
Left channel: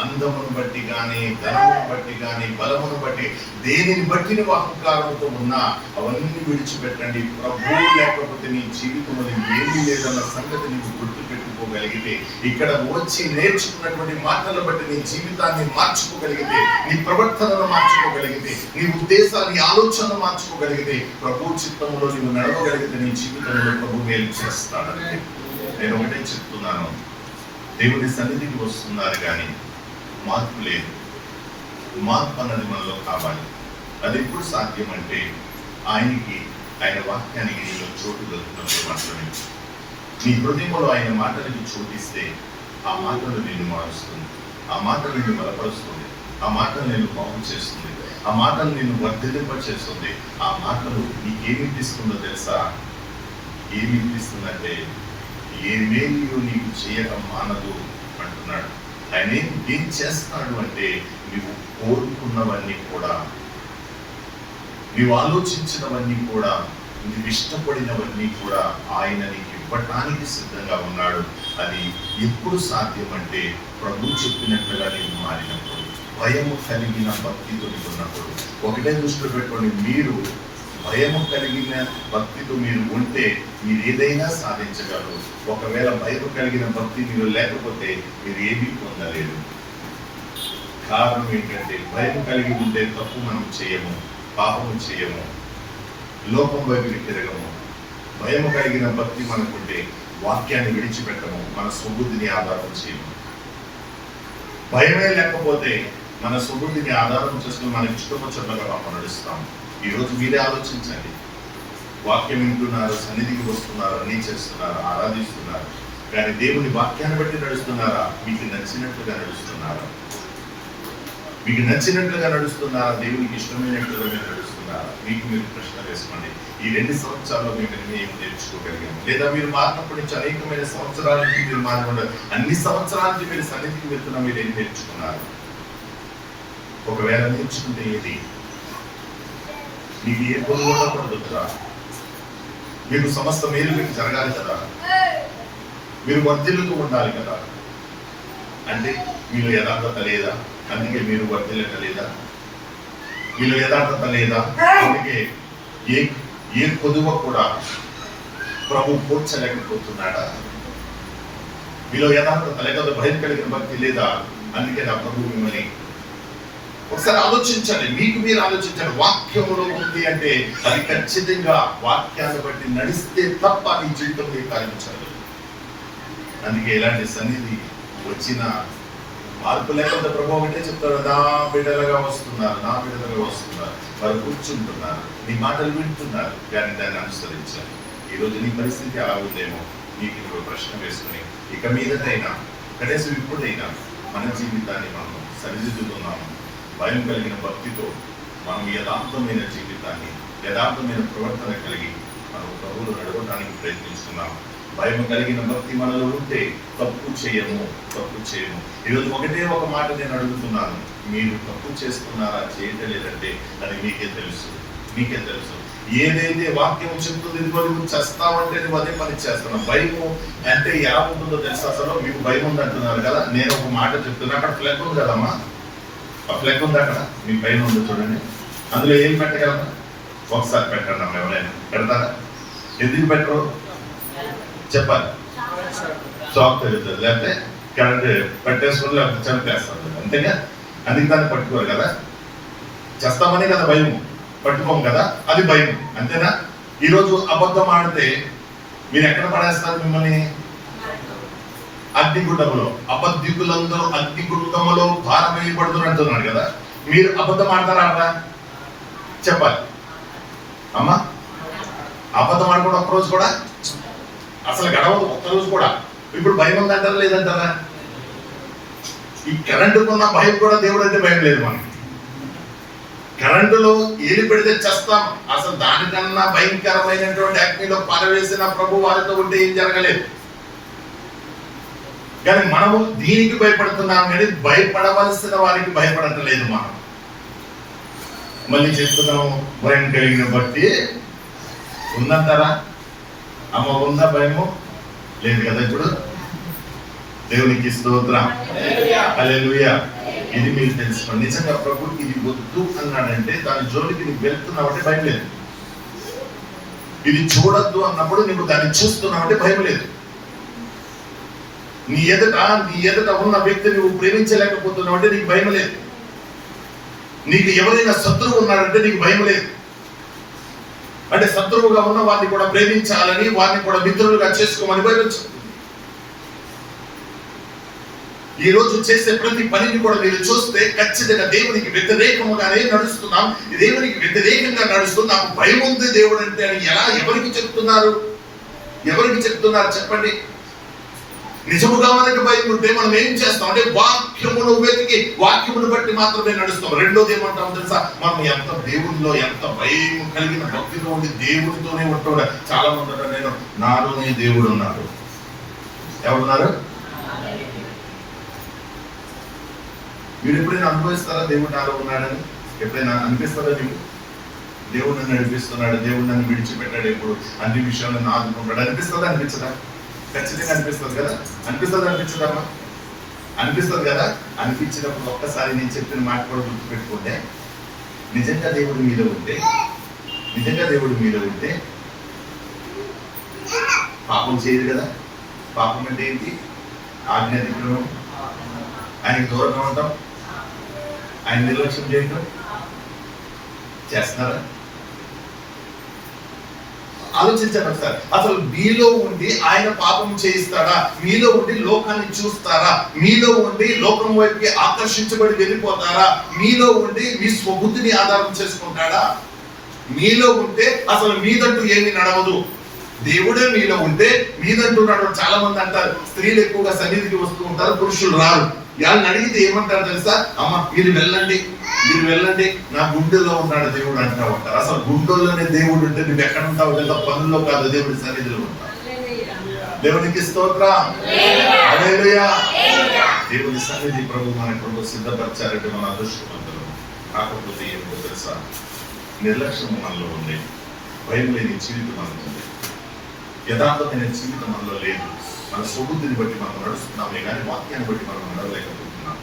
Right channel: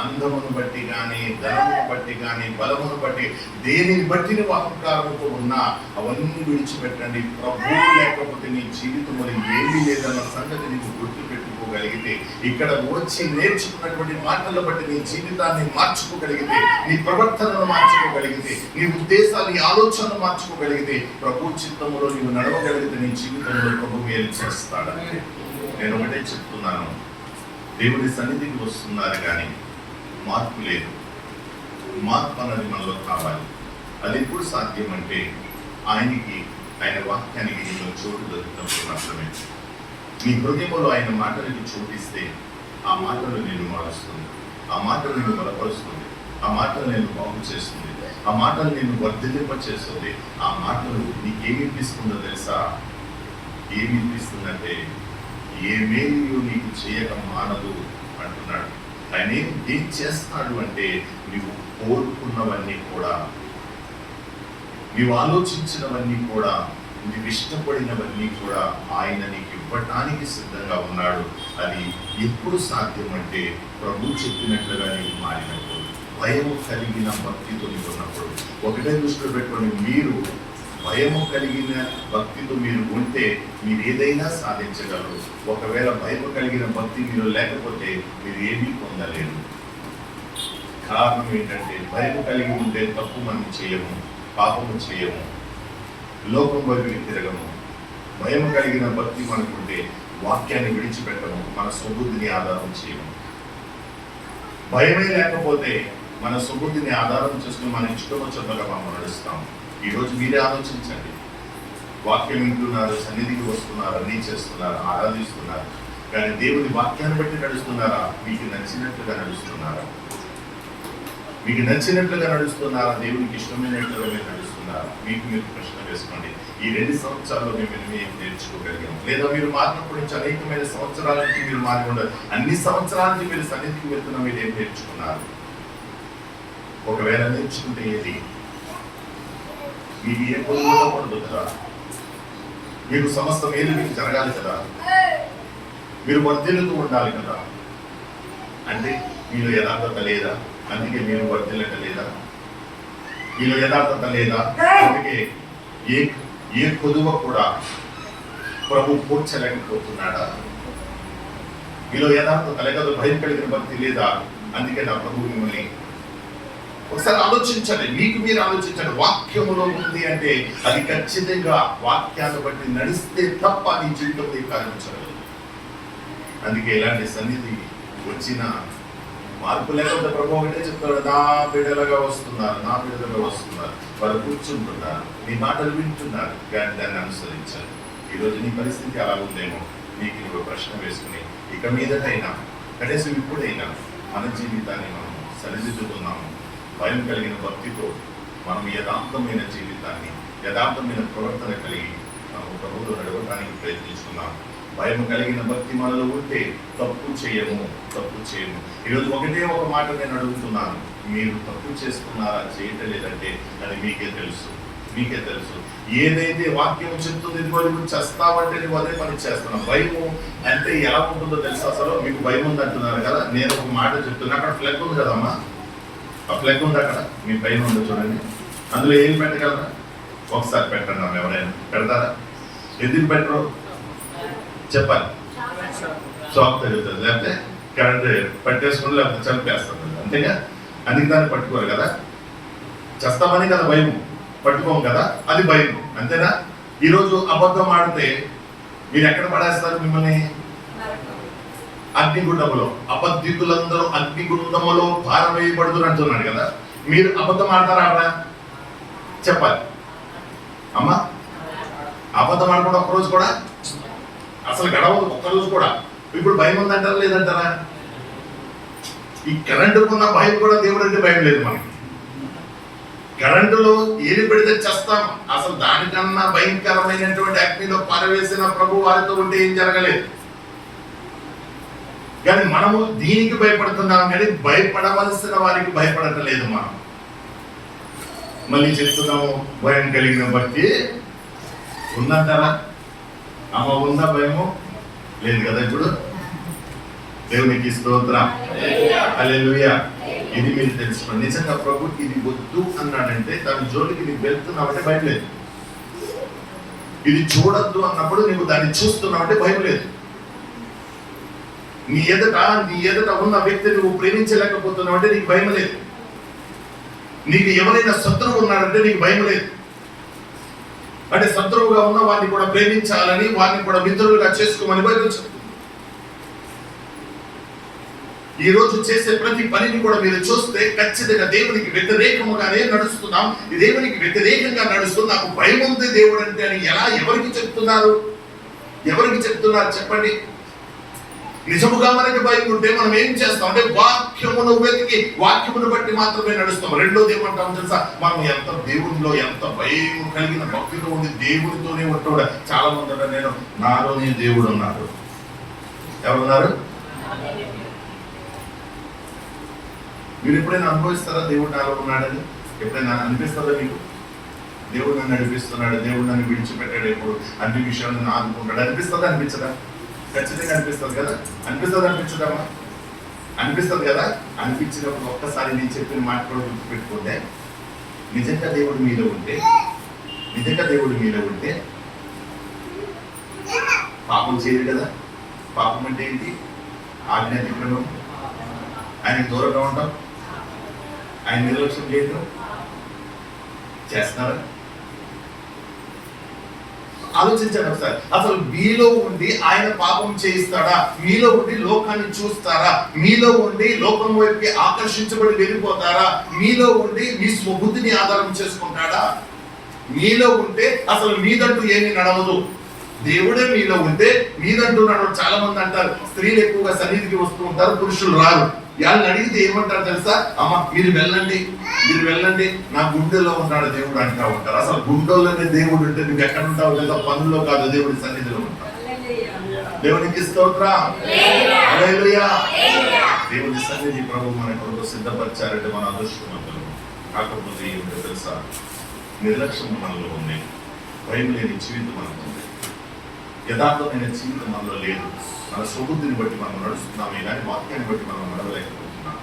అందమును బట్టి కానీ, ధనమును బట్టి కానీ, బలమును బట్టి, దేనిని బట్టి నువ్వు అహంకారంతో ఉన్నా అవన్నీ విడిచిపెట్టండి. ప్రభు లేకపోతే నీ జీవితంలో ఏమీ లేదన్న సంగతి నీకు గుర్తు పెట్టుకోగలిగితే, ఇక్కడ వచ్చి నేర్చుకున్నటువంటి మాటలను బట్టి నీ జీవితాన్ని మార్చుకోగలిగితే, నీ ప్రవర్తనను మార్చుకోగలిగితే, నీ ఉద్దేశాలు, నీ ఆలోచనలు మార్చుకోగలిగితే, ప్రభు చిత్తంలో నీవు నడవగలిగితే నీ జీవితంలో ప్రభు మేలు చేస్తాడని నేను ఒకటే చెప్తున్నాను. దేవుని సన్నిధికి వస్తున్నారు కానీ మార్పు లేదు. మార్పు అన్నది మనలో కావాలి. అది ఎప్పుడు సాధ్యం అంటే ఆయన వాక్యానికి నీలో చోటు దొరికినప్పుడు మాత్రమే. నీ హృదయంలో ఆయన మాటలకి చోటిస్తే ఆ మాటలు నేను మారుస్తుంది, ఆ మాటలు నేను బలపరుస్తుంది, ఆ మాటలు నేను బాగు చేస్తుంది, ఆ మాటలు నేను వర్ధిల్లింప చేస్తుంది. ఆ మాటలు నీకేమిపిస్తుందో తెలుసా? ఏమిపిస్తుందంటే ఏమేమియో నీకు చేయక మానదు అంటున్నాడు. ఆయన ఏం చేస్తున్నాడు అంటే నీవు కోరుకున్నవన్నీ కూడా, నీవు ఆలోచించినవన్నీ కూడా, నీవు ఇష్టపడినవన్నీ కూడా ఆయన నీకు ఇవ్వటానికి సిద్ధంగా ఉన్నాడు. అది ఎప్పుడు సాధ్యం అంటే ప్రభు చెప్పినట్లుగా నీవు మారినప్పుడు, భయము కలిగిన భక్తితో నీకు ఉన్నప్పుడు. ఒకటే దృష్టిలో పెట్టుకొని, మీరు భయము కలిగిన భక్తితో మీరు ఉంటే మీరు ఏదైనా సాధించగలరు. ఒకవేళ భయము కలిగిన భక్తి మీరు లేకపోతే మీరు ఏమీ పొందలేరు. కారణం ఏంటంటే భయము కలిగి ఉంటే తప్పు మనం చేయము, పాపము చేయము, లోకం వైపుకి తిరగము. భయము కలిగిన భక్తి మనకుంటే వాక్యాన్ని విడిచిపెట్టము, మన సుబుద్ధిని ఆధారం చేయము. భయమే లేకపోతే మన సుబుద్ధిని ఆధారం చేసుకుని మనకి ఇష్టం వచ్చినట్టుగా మనం నడుస్తాము. ఈరోజు మీరే ఆలోచించండి. వాక్యం వింటున్నారు, సన్నిధికి వస్తున్నారు, అన్నీ చేస్తున్నారు, ఆరాధిస్తున్నారు, కానీ దేవుని వాక్యాన్ని బట్టి నడుస్తున్నారా? మీకు నచ్చినట్లుగా నడుస్తున్నారా? మీకు నచ్చినట్లుగా నడుస్తున్నారా? దేవునికి ఇష్టమైనట్లుగా మీరు నడుస్తున్నారా? మీకు మీరు ప్రశ్న వేసుకోండి. ఈ 2 సంవత్సరాల్లో మేము ఏం నేర్చుకోగలిగాము? లేదా మీరు మారినప్పటి నుంచి అనేకమైన సంవత్సరాల నుంచి మీరు మారి ఉండదు, అన్ని సంవత్సరాల నుంచి మీరు సన్నిధికి వెళ్తున్నా, మీరు ఏం నేర్చుకున్నారు? ఒకవేళ నేర్చుకుంటే ఏది? మీకు ఏ పొందు ఉండకూడదు కదా, మీకు సమస్త మేలు మీకు జరగాలి కదా, మీరు వర్ధిల్లుతూ ఉండాలి కదా. అంటే మీలో యథార్థత లేదా? అందుకే మీరు వర్ధిల్లటలేదా? మీలో యథార్థత లేదా? అందుకే ఏ కొదువ కూడా ప్రభు పూడ్చలేకపోతున్నాడా? మీలో యథార్థత లేక భయం కలిగిన భక్తి లేదా? అందుకే నా ప్రభు మిమ్మల్ని ఒకసారి ఆలోచించండి. మీకు మీరు ఆలోచించండి. వాక్యంలో ఉంది అంటే అది ఖచ్చితంగా వాక్యాన్ని బట్టి నడిస్తే తప్ప నీ జీవితంలో కార్యించదు. అందుకే ఇలాంటి సన్నిధి వచ్చిన మార్పు లేకపోతే ప్రభు ఒకటే చెప్తాడు, నా బిడ్డలుగా వస్తున్నారు, నా బిడ్డలుగా వస్తున్నారు, వారు కూర్చుంటున్నారు, నీ మాటలు వింటున్నారు, కానీ దాన్ని అనుసరించాలి. ఈరోజు నీ పరిస్థితి అలా ఉందేమో, నీకు నువ్వు ప్రశ్న వేసుకుని ఇక మీదటైనా, కనీసం ఇప్పుడైనా మన జీవితాన్ని మనం సరిదిద్దుతున్నాము. భయం కలిగిన భక్తితో మనం యథార్థమైన జీవితాన్ని, యథార్థమైన ప్రవర్తన కలిగి మనం ప్రభువులో నడవడానికి ప్రయత్నిస్తున్నాం. భయం కలిగిన భక్తి మనలో ఉంటే తప్పు చేయము. ఈరోజు ఒకటే ఒక మాట నేను అడుగుతున్నాను, మీరు తప్పు చేస్తున్నారా, చేయటం లేదంటే అది మీకే తెలుసు. ఏదైతే వాక్యం చెప్తుంది, ఇదిగో నువ్వు చేస్తావంటే నువ్వు అదే పని చేస్తున్నావు. భయము అంటే ఎలా ఉంటుందో తెలుసు. అసలు మీకు భయం ఉంది అంటున్నారు కదా, నేను ఒక మాట చెప్తున్నా. అక్కడ ఫ్లెగ్ ఉంది కదమ్మా, ఆ ఫ్లెగ్ ఉంది అక్కడ, మీ భయం ఉందో చూడండి. అందులో ఏం పెట్టగలరా? ఒకసారి పెట్టండి అమ్మ, ఎవరైనా పెడతారా? ఎందుకు పెట్టరు చెప్పాలి. షాక్ తెలుస్తుంది, లేకపోతే కరెంట్ పట్టేసుకుంటే లేకపోతే చంపేస్తుంది, అంతేగా. అందుకు దాన్ని పట్టుకోరు కదా, చేస్తామని కదా భయం, పట్టుకోము కదా అది భయం, అంతేనా? ఈరోజు అబద్ధం ఆడితే మీరు ఎక్కడ పడేస్తారు మిమ్మల్ని? అగ్నిగుండములో. అబద్ధికులందరూ అగ్నిగుండములో పారవేయబడుతున్నారు అంటున్నాడు కదా. మీరు అబద్ధం ఆడతారా? ఆడరా చెప్పాలి అమ్మా. అబద్ధం ఆడకూడదు ఒక్కరోజు కూడా, అసలు గడవదు ఒక్కరోజు కూడా. ఇప్పుడు భయం ఉందంటారా లేదంటారా? ఈ కరెంటుకున్న భయం కూడా దేవుడు అంటే భయం లేదు మనకి. కరెంటులో ఏది పెడితే చేస్తాం, అసలు దానికన్నా భయంకరమైనటువంటి అగ్నిలో పారవేసిన ప్రభు వారితో ఉంటే ఏం జరగలేదు. కానీ మనము దీనికి భయపడుతున్నాం, కానీ భయపడవలసిన వారికి భయపడటలేదు మనం. మళ్ళీ చెప్తున్నాము, భయం కలిగిన బట్టి ఉందంటారా అమ్మ? ఉందా భయము? లేదు కదా. ఇప్పుడు దేవునికి స్తోత్రం, హల్లెలూయా. ఇది మీరు తెలుసుకోండి. నిజంగా ప్రభు ఇది వద్దు అన్నాడంటే దాని జోలికి నీకు వెళ్తున్నావంటే భయం లేదు. ఇది చూడొద్దు అన్నప్పుడు నీకు దాన్ని చూస్తున్నావంటే భయం లేదు. నీ ఎదుట ఉన్న వ్యక్తి నువ్వు ప్రేమించలేకపోతున్నావు అంటే నీకు భయం లేదు. నీకు ఎవరైనా శత్రువు ఉన్నాడంటే నీకు భయం లేదు. అంటే శత్రువుగా ఉన్న వారిని కూడా ప్రేమించాలని, వారిని కూడా మిత్రులుగా చేసుకోమని బైబిల్ చెప్తుంది. ఈ రోజు చేసే ప్రతి పనిని కూడా మీరు చూస్తే ఖచ్చితంగా దేవునికి వ్యతిరేకముగానే నడుస్తున్నాం. దేవునికి వ్యతిరేకంగా నడుస్తూ నాకు భయం ఉంది దేవుడు అంటే అని ఎవరికి చెప్తున్నారు? ఎవరికి చెప్తున్నారు చెప్పండి? నిజముగా మనకి భయం ఉంటే మనం ఏం చేస్తాం అంటే వాక్యమును వెతికి వాక్యమును బట్టి మాత్రమే నడుస్తాం. రెండోది ఏమంటాం తెలుసా? మనం ఎంత దేవునిలో ఎంత భయం కలిగిన భక్తిలో ఉండి దేవుడితోనే ఉంటాడు. చాలా మంది ఉంటారు, నేను నాలోనే దేవుడు ఉన్నాడు. ఎవరున్నారు? మీరు ఎప్పుడైనా అనుభవిస్తారా దేవుడు నాలో ఉన్నాడని? ఎప్పుడైనా అనిపిస్తారా మీకు? దేవుడు నన్ను నడిపిస్తున్నాడు, దేవుడు నన్ను విడిచిపెట్టాడు, ఎప్పుడు అన్ని విషయాలు నన్ను ఆదుకుంటాడు అనిపిస్తుందా? అనిపించదా? ఖచ్చితంగా అనిపిస్తుంది కదా. అనిపిస్తుంది అనిపించదమ్మా? అనిపిస్తుంది కదా. అనిపించినప్పుడు ఒక్కసారి నేను చెప్పిన మాట కూడా గుర్తుపెట్టుకుంటే, నిజంగా దేవుడు మీలో ఉంటే పాపం చేయదు కదా. పాపం అంటే ఏంటి? ఆజ్ఞాతిక్రమం, ఆయనకు దూరంగా ఉంటాం, ఆయన నిర్లక్ష్యం చేయడం చేస్తున్నారా? ఆలోచించండి ఒకసారి. అసలు మీలో ఉండి ఆయన పాపం చేయిస్తాడా? మీలో ఉండి లోకాన్ని చూస్తారా? మీలో ఉండి లోకం వైపుకి ఆకర్షించబడి వెళ్ళిపోతారా? మీలో ఉండి మీ స్వబుద్ధిని ఆధారం చేసుకుంటాడా? మీలో ఉంటే అసలు మీదంటూ ఏమి నడవదు. దేవుడే మీలో ఉంటే మీదంటూ నడవదు. చాలా మంది అంటారు, స్త్రీలు ఎక్కువగా సన్నిధికి వస్తూ ఉంటారు, పురుషులు రారు. వాళ్ళని అడిగితే ఏమంటారు తెలుసా? అమ్మ మీరు వెళ్ళండి నా గుండెలో ఉన్నాడు దేవుడు అంటా ఉంటారు. అసలు గుండెలోనే దేవుడు ఉంటే నువ్వు ఎక్కడ ఉంటావు తెలుసా? పనుల్లో కాదు, దేవుడి సన్నిధిలో ఉంటావు. దేవునికి స్తోత్రం, హల్లెలూయా. దేవుడి సన్నిధి ప్రభు మన కొరకు సిద్ధపరిచారంటే మన అదృష్టవంతులు. కాకపోతే ఏమిటో తెలుసా? నిర్లక్ష్యం మనలో ఉంది, భయం లేని జీవితం మనకు ఉంది, యథార్థమైన జీవితం మనలో లేదు. మన స్వబుద్ధిని బట్టి మనం నడుస్తున్నామే కానీ వాక్యాన్ని బట్టి మనం నడవలేకపోతున్నాం.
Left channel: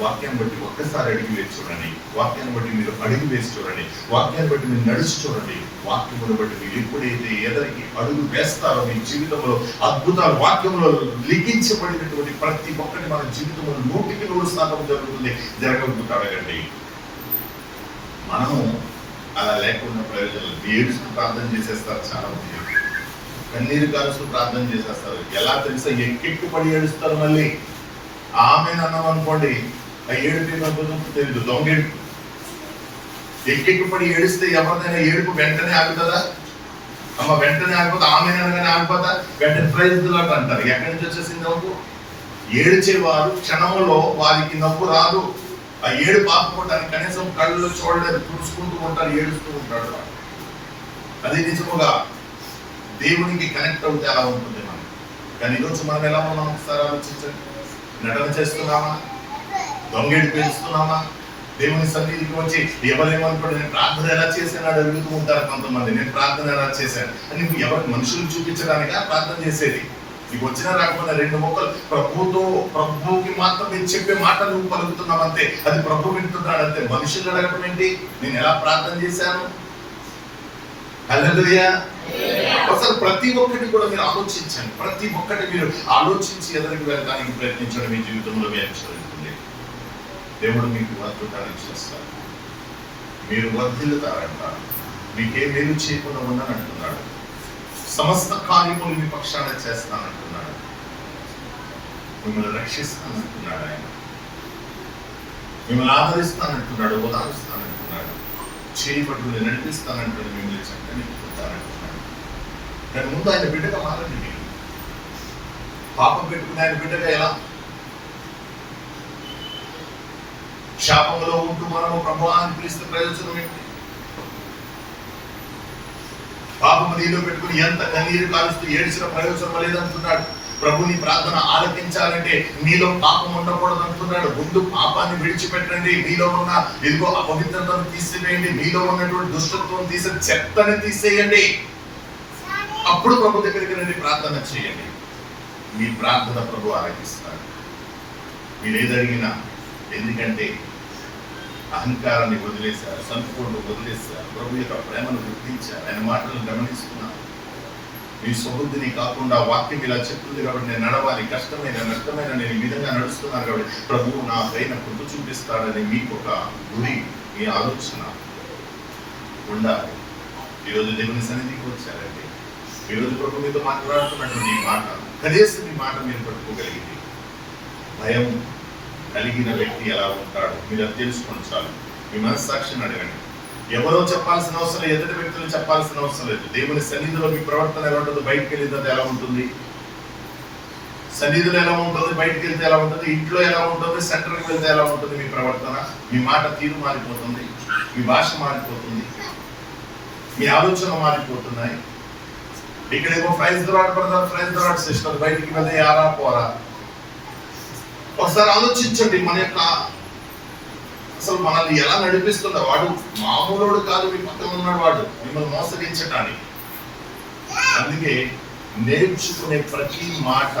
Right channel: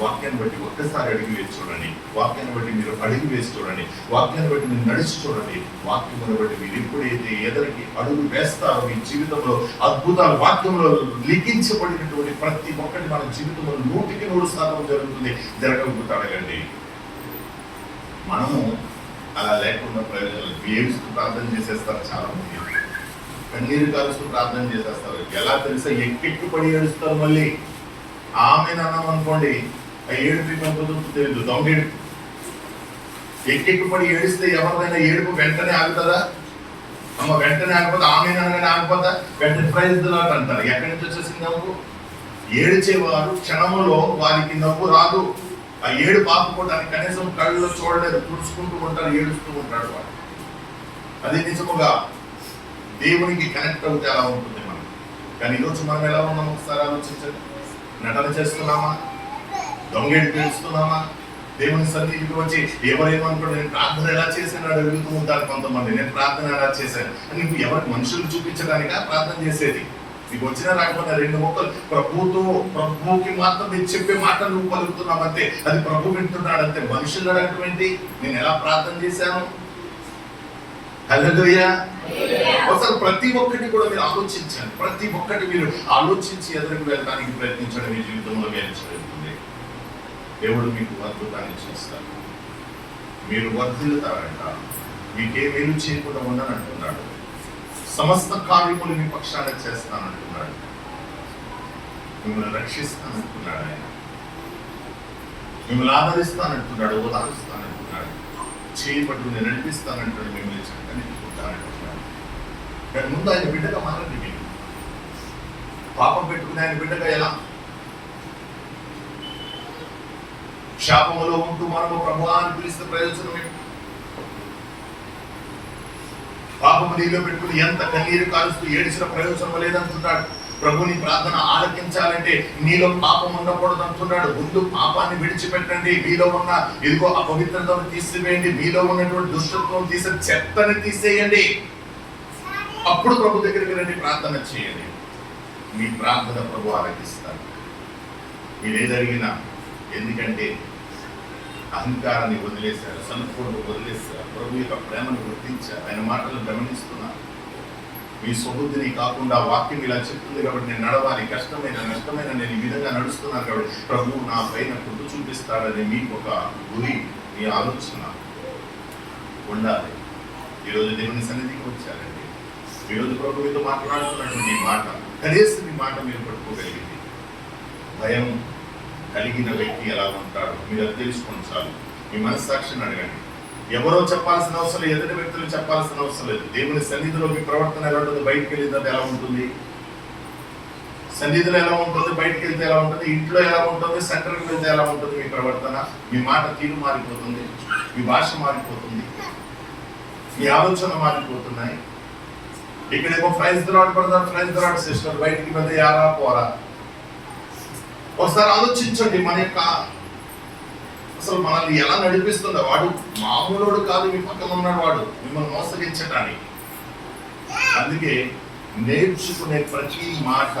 వాక్యాన్ని బట్టి ఒక్కసారి అడిగి వేసి చూడండి, వాక్యాన్ని బట్టి మీరు అడుగు వేసి చూడండి, వాక్యాన్ని బట్టి మీరు నడిచి చూడండి. వాక్యమును బట్టి మీరు ఎప్పుడైతే ఎదరికి అడుగు వేస్తారో మీ జీవితంలో అద్భుతాలు, వాక్యంలో లిఖించబడినటువంటి ప్రతి ఒక్కటి మన జీవితంలో 100% జరుగుతుంది. జరగకపోతే అడగండి. మనము అలా లేకుండా ప్రయోజనాలు ఏడుస్తూ ప్రార్థన చేసేస్తారు చాలా మంది, కన్నీరు కారుస్తూ ప్రార్థన చేసేస్తారు. ఎలా తెలుసా? ఎక్కెక్కి పడి ఏడుస్తారు. మళ్ళీ ఆమెను అన్నాం అనుకోండి, ఆ ఏడుపు తెలియదు, దొంగేడుపు. ఎక్కెక్కి పడి ఏడిస్తే ఎవరిదైనా ఏడుపు వెంటనే ఆగుతుందా? అమ్మ వెంటనే ఆగిపోతే, ఆమెను అనగానే ఆగిపోతా, వెంటనే ప్రైజ్ లాట్ అంటారు. ఎక్కడి నుంచి వచ్చేసింది నవ్వు? ఏడిచేవారు క్షణంలో వారికి నవ్వు రాదు. ఆ ఏడు పాపుకోవడానికి కనీసం కళ్ళలో చూడలేదు, తుడుచుకుంటూ ఉంటారు, ఏడుస్తూ ఉంటాడు వాడు. అదే నిజముగా దేవునికి కనెక్ట్ అవుతే అలా ఉంటుంది మనం. కానీ ఈరోజు మనం ఎలా ఉన్నాం ఒకసారి ఆలోచించండి. నటన చేస్తున్నామా? దొంగేడి పేరుస్తున్నామా? దేవుని సన్నిధికి వచ్చి ఎవరేమనుకోండి, నేను ప్రార్థన ఎలా చేశాను అడుగుతూ ఉంటారు కొంతమంది. నేను ప్రార్థన ఎలా చేశాను అని నువ్వు ఎవరికి మనుషులు చూపించడానికా ప్రార్థన చేసేది? నీకు వచ్చిన రాకపోయినా 2 ముక్కలు ప్రభువుకి మాత్రం మీరు చెప్పే మాట నువ్వు పలుకుతున్నావంతే, అది ప్రభు వింటున్నాడంతే. మనుషులు అడగటం ఏంటి? నేను ఎలా ప్రార్థన చేశాను? హల్లెలూయా. అసలు ప్రతి ఒక్కటి కూడా మీరు ఆలోచించండి. ప్రతి ఒక్కటి మీరు ఆలోచించి ఎదురుకు వెళ్ళడానికి ప్రయత్నించడం మీ జీవితంలో మీరు జరుగుతుంది. దేవుడు మీకు అద్భుతాన్ని చేస్తారు. మీరు వర్ధిల్లుతారంట. మీకే మేలు చేయకుండా ఉండని అంటున్నాడు. సమస్త కార్యములు మీ పక్షాన చేస్తానంటున్నాడు. మిమ్మల్ని రక్షిస్తానంటున్నాడు. ఆయన మిమ్మల్ని ఆదరిస్తానంటున్నాడు, ఓదారుస్తానంటున్నాడు, చేయబట్టుని నడిపిస్తానంటాడు, మిమ్మల్ని చక్కని ఉంటానంటున్నాడు. కానీ ముందు ఆయన బిడ్డగా మారండి. మీరు పాపం పెట్టుకుని ఆయన బిడ్డగా ఎలా? శాపంలో ఉంటూ మనము ప్రభువా అని పిలిస్తే ప్రయోజనం ఏంటి? పాపము నీలో పెట్టుకుని ఎంత కన్నీరు కాలుస్తూ ఏడిచిన ప్రయోజనం లేదంటున్నాడు. ప్రభుని ప్రార్థన ఆలకించాలంటే నీలో పాపం ఉండకూడదు అంటున్నాడు. ముందు పాపాన్ని విడిచిపెట్టండి. మీలో ఉన్న ఇదిగో అపవిత్రతను తీసివేయండి. మీలో ఉన్నటువంటి దుష్టత్వం తీసి చెత్తని తీసేయండి. అప్పుడు ప్రభు దగ్గరికి రండి, ప్రార్థన చేయండి. మీ ప్రార్థన ప్రభు ఆలకిస్తాడు. మీరు ఏదడిగినా. ఎందుకంటే అహంకారాన్ని వదిలేశారు, సంపూర్ణ వదిలేశారు, ప్రభు యొక్క ప్రేమను గుర్తించారు, ఆయన మాటలను గమనిస్తున్నారు. మీ స్వబుద్ధిని కాకుండా వాక్యం ఇలా చెప్తుంది కాబట్టి నేను నడవాలి, కష్టమైన నష్టమైన నేను ఈ విధంగా నడుస్తున్నాను కాబట్టి ప్రభువు నా పైన కృప చూపిస్తాడని మీకు ఒక గురి, మీ ఆలోచన ఉండాలి. ఈరోజు దేవుని సన్నిధికి వచ్చారండి. ఈరోజు ప్రభు మీతో మాట్లాడుతున్నటువంటి ఈ మాట, కనీసం ఈ మాట మీరు పట్టుకోగలిగింది. భయం కలిగిన వ్యక్తి ఎలా ఉంటాడు మీరు అది తెలుసుకోండి చాలు. మీ మనస్సాక్షిని అడగండి. ఎవరో చెప్పాల్సిన అవసరం లేదు, ఎదుటి వ్యక్తులు చెప్పాల్సిన అవసరం లేదు. దేవుని సన్నిధిలో మీ ప్రవర్తన ఎలా ఉంటుంది? బయటకు వెళ్ళింది ఎలా ఉంటుంది? సన్నిధిలో ఎలా ఉంటుంది? బయటకు వెళ్తే ఎలా ఉంటుంది? ఇంట్లో ఎలా ఉంటుంది? సెంటర్కి వెళ్తే ఎలా ఉంటుంది? మీ ప్రవర్తన, మీ మాట తీరు మారిపోతుంది, మీ భాష మారిపోతుంది, మీ ఆలోచన మారిపోతున్నాయి. ఇక్కడేమో praise the lord brother, praise the lord sister, బయటికి వెళ్తే యారా పోరా. ఒకసారి ఆలోచించండి. మన యొక్క అసలు మనల్ని ఎలా నడిపిస్తుందో. వాడు మామూలుడు కాదు, మీ పక్కన ఉన్నాడు వాడు మిమ్మల్ని మోసగించటానికి. అందుకే నేర్చుకునే ప్రతి మాట,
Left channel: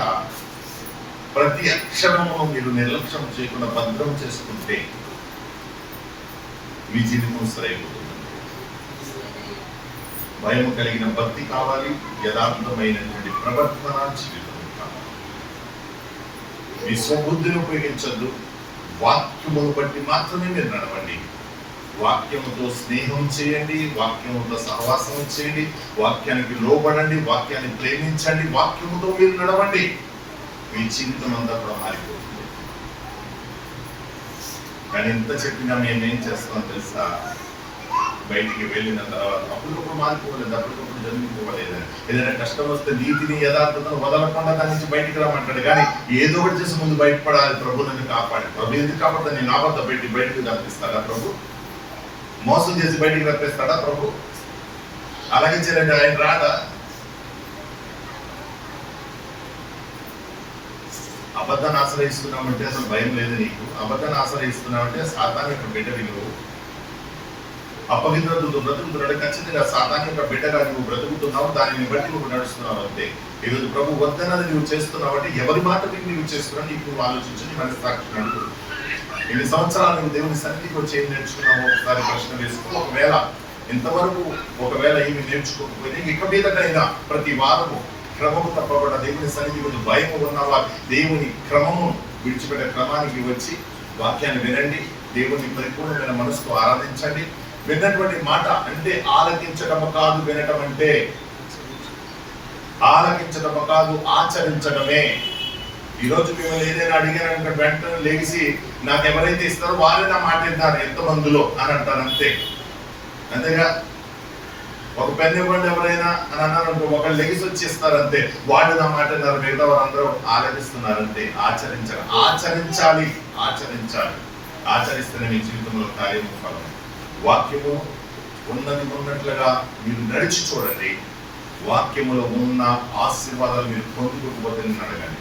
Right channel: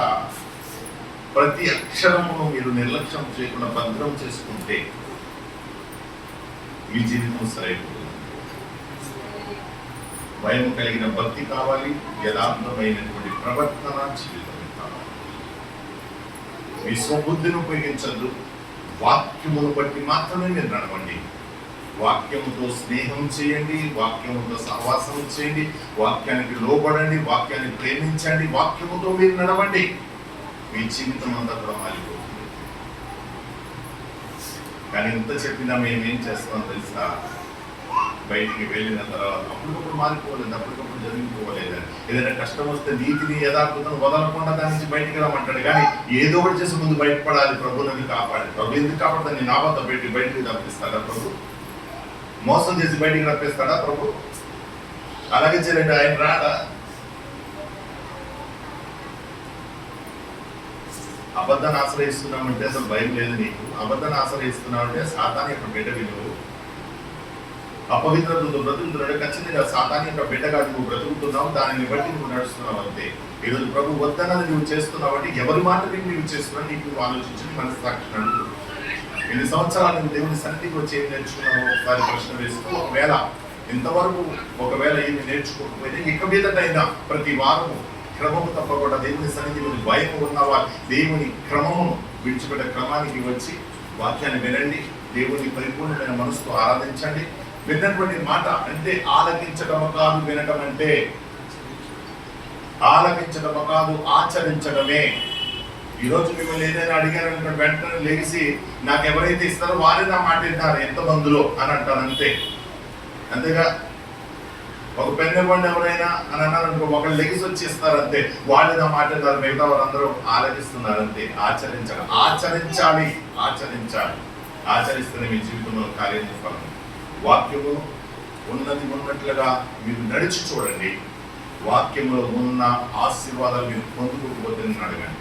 ప్రతి అక్షరమును మీరు నిర్లక్ష్యం చేయకుండా భద్రం చేసుకుంటే మీ జీవితం సరైపోతుంది. భయం కలిగిన భక్తి కావాలి, యథార్థమైనటువంటి ప్రవర్తన జీవితం. మీ స్వబుద్ధిని ఉపయోగించద్దు. వాక్యమును బట్టి మాత్రమే మీరు నడవండి. వాక్యముతో స్నేహం చేయండి, వాక్యముతో సహవాసం చేయండి, వాక్యానికి లోబడండి, వాక్యాన్ని ప్రేమించండి, వాక్యముతో మీరు నడవండి. మీ జీవితం అంతా కూడా మారిపోతుంది. కానీ ఎంత చెప్పినా మేమేం చేస్తాం తెలుసా? బయటికి వెళ్ళిన తర్వాత అప్పటికప్పుడు మారిపోలేదు, అప్పటికప్పుడు జరిగిపోలేదని. ఏదైనా కష్టం వస్తే నీతిని యథార్థతను వదలకుండా దాని నుంచి బయటికి రమ్మంటాడు. కానీ ఏదో ఒకటి చేసి ముందు బయటపడాలి. ప్రభు నన్ను కాపాడు. ప్రభు ఎందుకు కాపాడుతా? నేను ఆబద్ధ పెట్టి బయటికి రప్పిస్తాడా ప్రభు? మోసం చేసి బయటికి రప్పిస్తాడా ప్రభు? అలాగే చేయండి. ఆయన రాడా? అబద్ధాన్ని ఆశ్రయిస్తున్నామంటే అసలు భయం లేదు నీకు. అబద్ధాన్ని ఆశ్రయిస్తున్నామంటే సాతాను యొక్క బిడ్డవి నువ్వు. అపవిత్రతతో బ్రతుకుతున్నాడు. ఖచ్చితంగా సాతాను యొక్క బిడ్డగా నువ్వు బ్రతుకుతున్నావు. దానిని బట్టి నువ్వు నడుస్తున్నావు అంతే. ఈరోజు ప్రభు వద్దన్నది నువ్వు చేస్తున్నావు అంటే ఎవరి మాట విని నువ్వు చేస్తున్నావు నీకు నువ్వు ఆలోచించి మనస్సాక్షిని అడుగు. ఎన్ని సంవత్సరాలు నువ్వు దేవుని సన్నిధికి వచ్చి ఏం నేర్చుకున్నావు ఒకసారి ప్రశ్న వేసుకో. ఒకవేళ ఇంతవరకు ఏమి నేర్చుకోకపోతే ఇక మీదటైనా ప్రతి వారము క్రమము తప్పకుండా దేవుని సన్నిధి గురించి భయము ఉన్నవా దేవుని క్రమము విడిచిపెట్టే క్రమానికి వచ్చి వాక్యాన్ని వినండి. దేవుని పరిపూర్ణమైన మనసుతో ఆరాధించండి. విన్నటువంటి మాట అంటే ఆలకించడము కాదు, వినటం అంటే ఆలకించడము కాదు, ఆచరించడమే. ఈరోజు మిమ్మల్ని ఏదైనా అడిగాను వెంటనే లేచి నాకు ఎవరైతే ఇస్తారో వారే నా మాట వింటారు ఎంతమందిలో అని అంటారు అంతే. అంతేగా ఒక పెన్ ఇవ్వండి ఎవరైనా అని అన్నారు అనుకో, ఒకళ్ళు లెగిసి వచ్చి ఇస్తారు అంతే. వాళ్ళు నా మాట విన్నారు, మిగతా వారందరూ ఆలకిస్తున్నారు అంతే. ఆచరించాలి. ఆచరిస్తేనే మీ జీవితంలో కార్యం ఫలం. వాక్యము ఉన్నది ఉన్నట్లుగా మీరు నడిచి చూడండి. వాక్యములో ఉన్న ఆశీర్వాదాలు మీరు పొందుకోకపోతే అడగండి.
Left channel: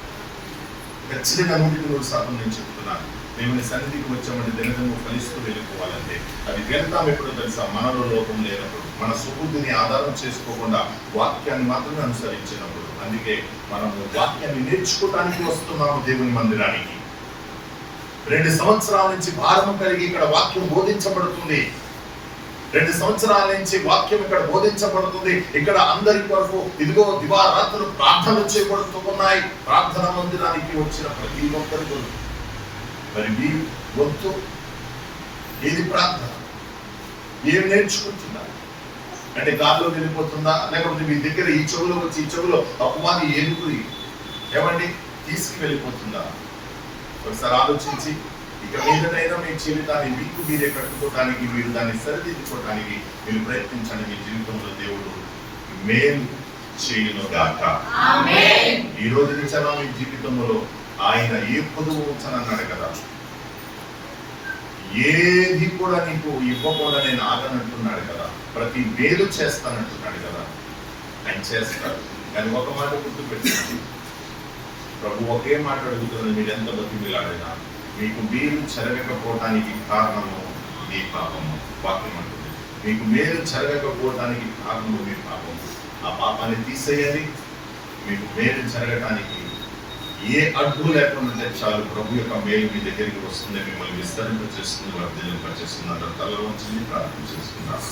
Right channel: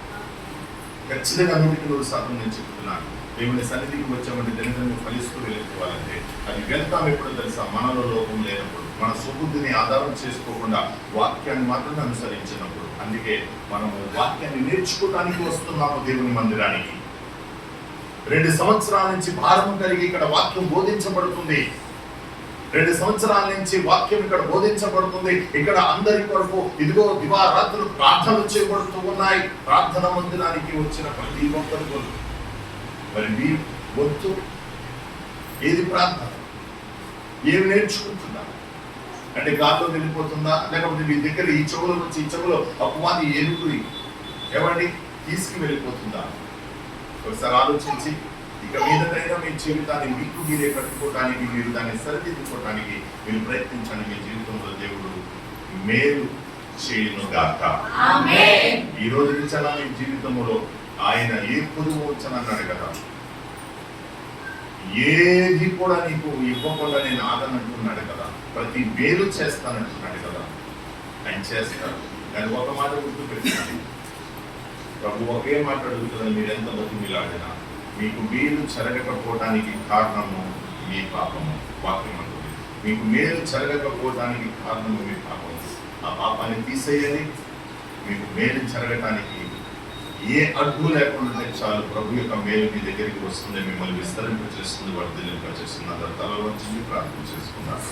ఖచ్చితంగా 100% నేను చెప్తున్నాను. దేవుని సన్నిధికి వచ్చామంటే దినదినము ఫలిస్తూ వెళ్ళిపోవాలంటే అది వెళ్తాం ఎప్పుడో తెలుసా, మనలో లోపం లేనప్పుడు, మన సుబుద్ధిని ఆధారం చేసుకోకుండా వాక్యాన్ని మాత్రమే అనుసరించినప్పుడు. అందుకే మనము వాక్యాన్ని నేర్చుకోవడానికి వస్తున్నాము దేవుని మందిరానికి. 2 సంవత్సరాల నుంచి భారము కలిగి ఇక్కడ వాక్యం బోధించబడుతుంది. 2 సంవత్సరాల నుంచి వాక్యం ఇక్కడ బోధించబడుతుంది. ఇక్కడ అందరి కొరకు ఇదిగో దివారాత్రులు ప్రార్థనలు చేయబడుతూ ఉన్నాయి. ప్రార్థన మందిరానికి వచ్చిన ప్రతి ఒక్కరి కొరకు మరి మీ వద్దు ఏది ప్రార్థన, ఏం నేర్చుకుంటున్నారు అంటే గాల్లో వెళ్ళిపోతుందా, లేకపోతే మీ దగ్గర ఈ చెవులో వచ్చి ఈ చెవులో అపవాది ఏనుగురి ఏమండి తీసుకు వెళ్ళిపోతుందా? ఒకసారి ఆలోచించి ఇక మీదటైనా మీ జీవితాన్ని మీకు మీరే కట్టుకోవడానికి, మీరు దాన్ని సరిదిద్దుకోవడానికి మీరు ప్రయత్నించండి. మీ జీవితంలో దేవుడు మేలు చేయునుగాక. ఈ రోజు నుంచి అలా మీ జీవితంలో ఆయన ఏ పొదువు ఉంచనన్నాడు కదా, ఏది కూడా నీకు ఇవ్వకుండా నేను ఆగనంటున్నాడు కదా, ప్రతి మేలు చేస్తానంటున్నాడు కదా. ఆయన చేస్తాడు. కానీ ఒక మాట గుర్తు పెట్టినాడు, ప్రభు ఒకే మాట అడుగుతున్నాడు, మీరు ఎంత బతిమిలాడినా మీకు మేలు జరగకపోవటానికి కారణము మీ పాపము. వాక్యం అంటుంది మీకు మేలు జరగకపోవటానికి కారణము మీ పాపము. ఆ పాపాన్ని తీసేయాలి. మీకు మేలు జరగటానికి ఏ అడ్డు లేకుండా చాలు ప్రభు యొక్క మేలు మీ దగ్గరికి వస్తుంది, మిమ్మల్ని విస్తరింప చేస్తుంది, వర్ధిల్లింప చేస్తుంది. అందరూ తలలో ప్రార్థన చేసుకున్నారు.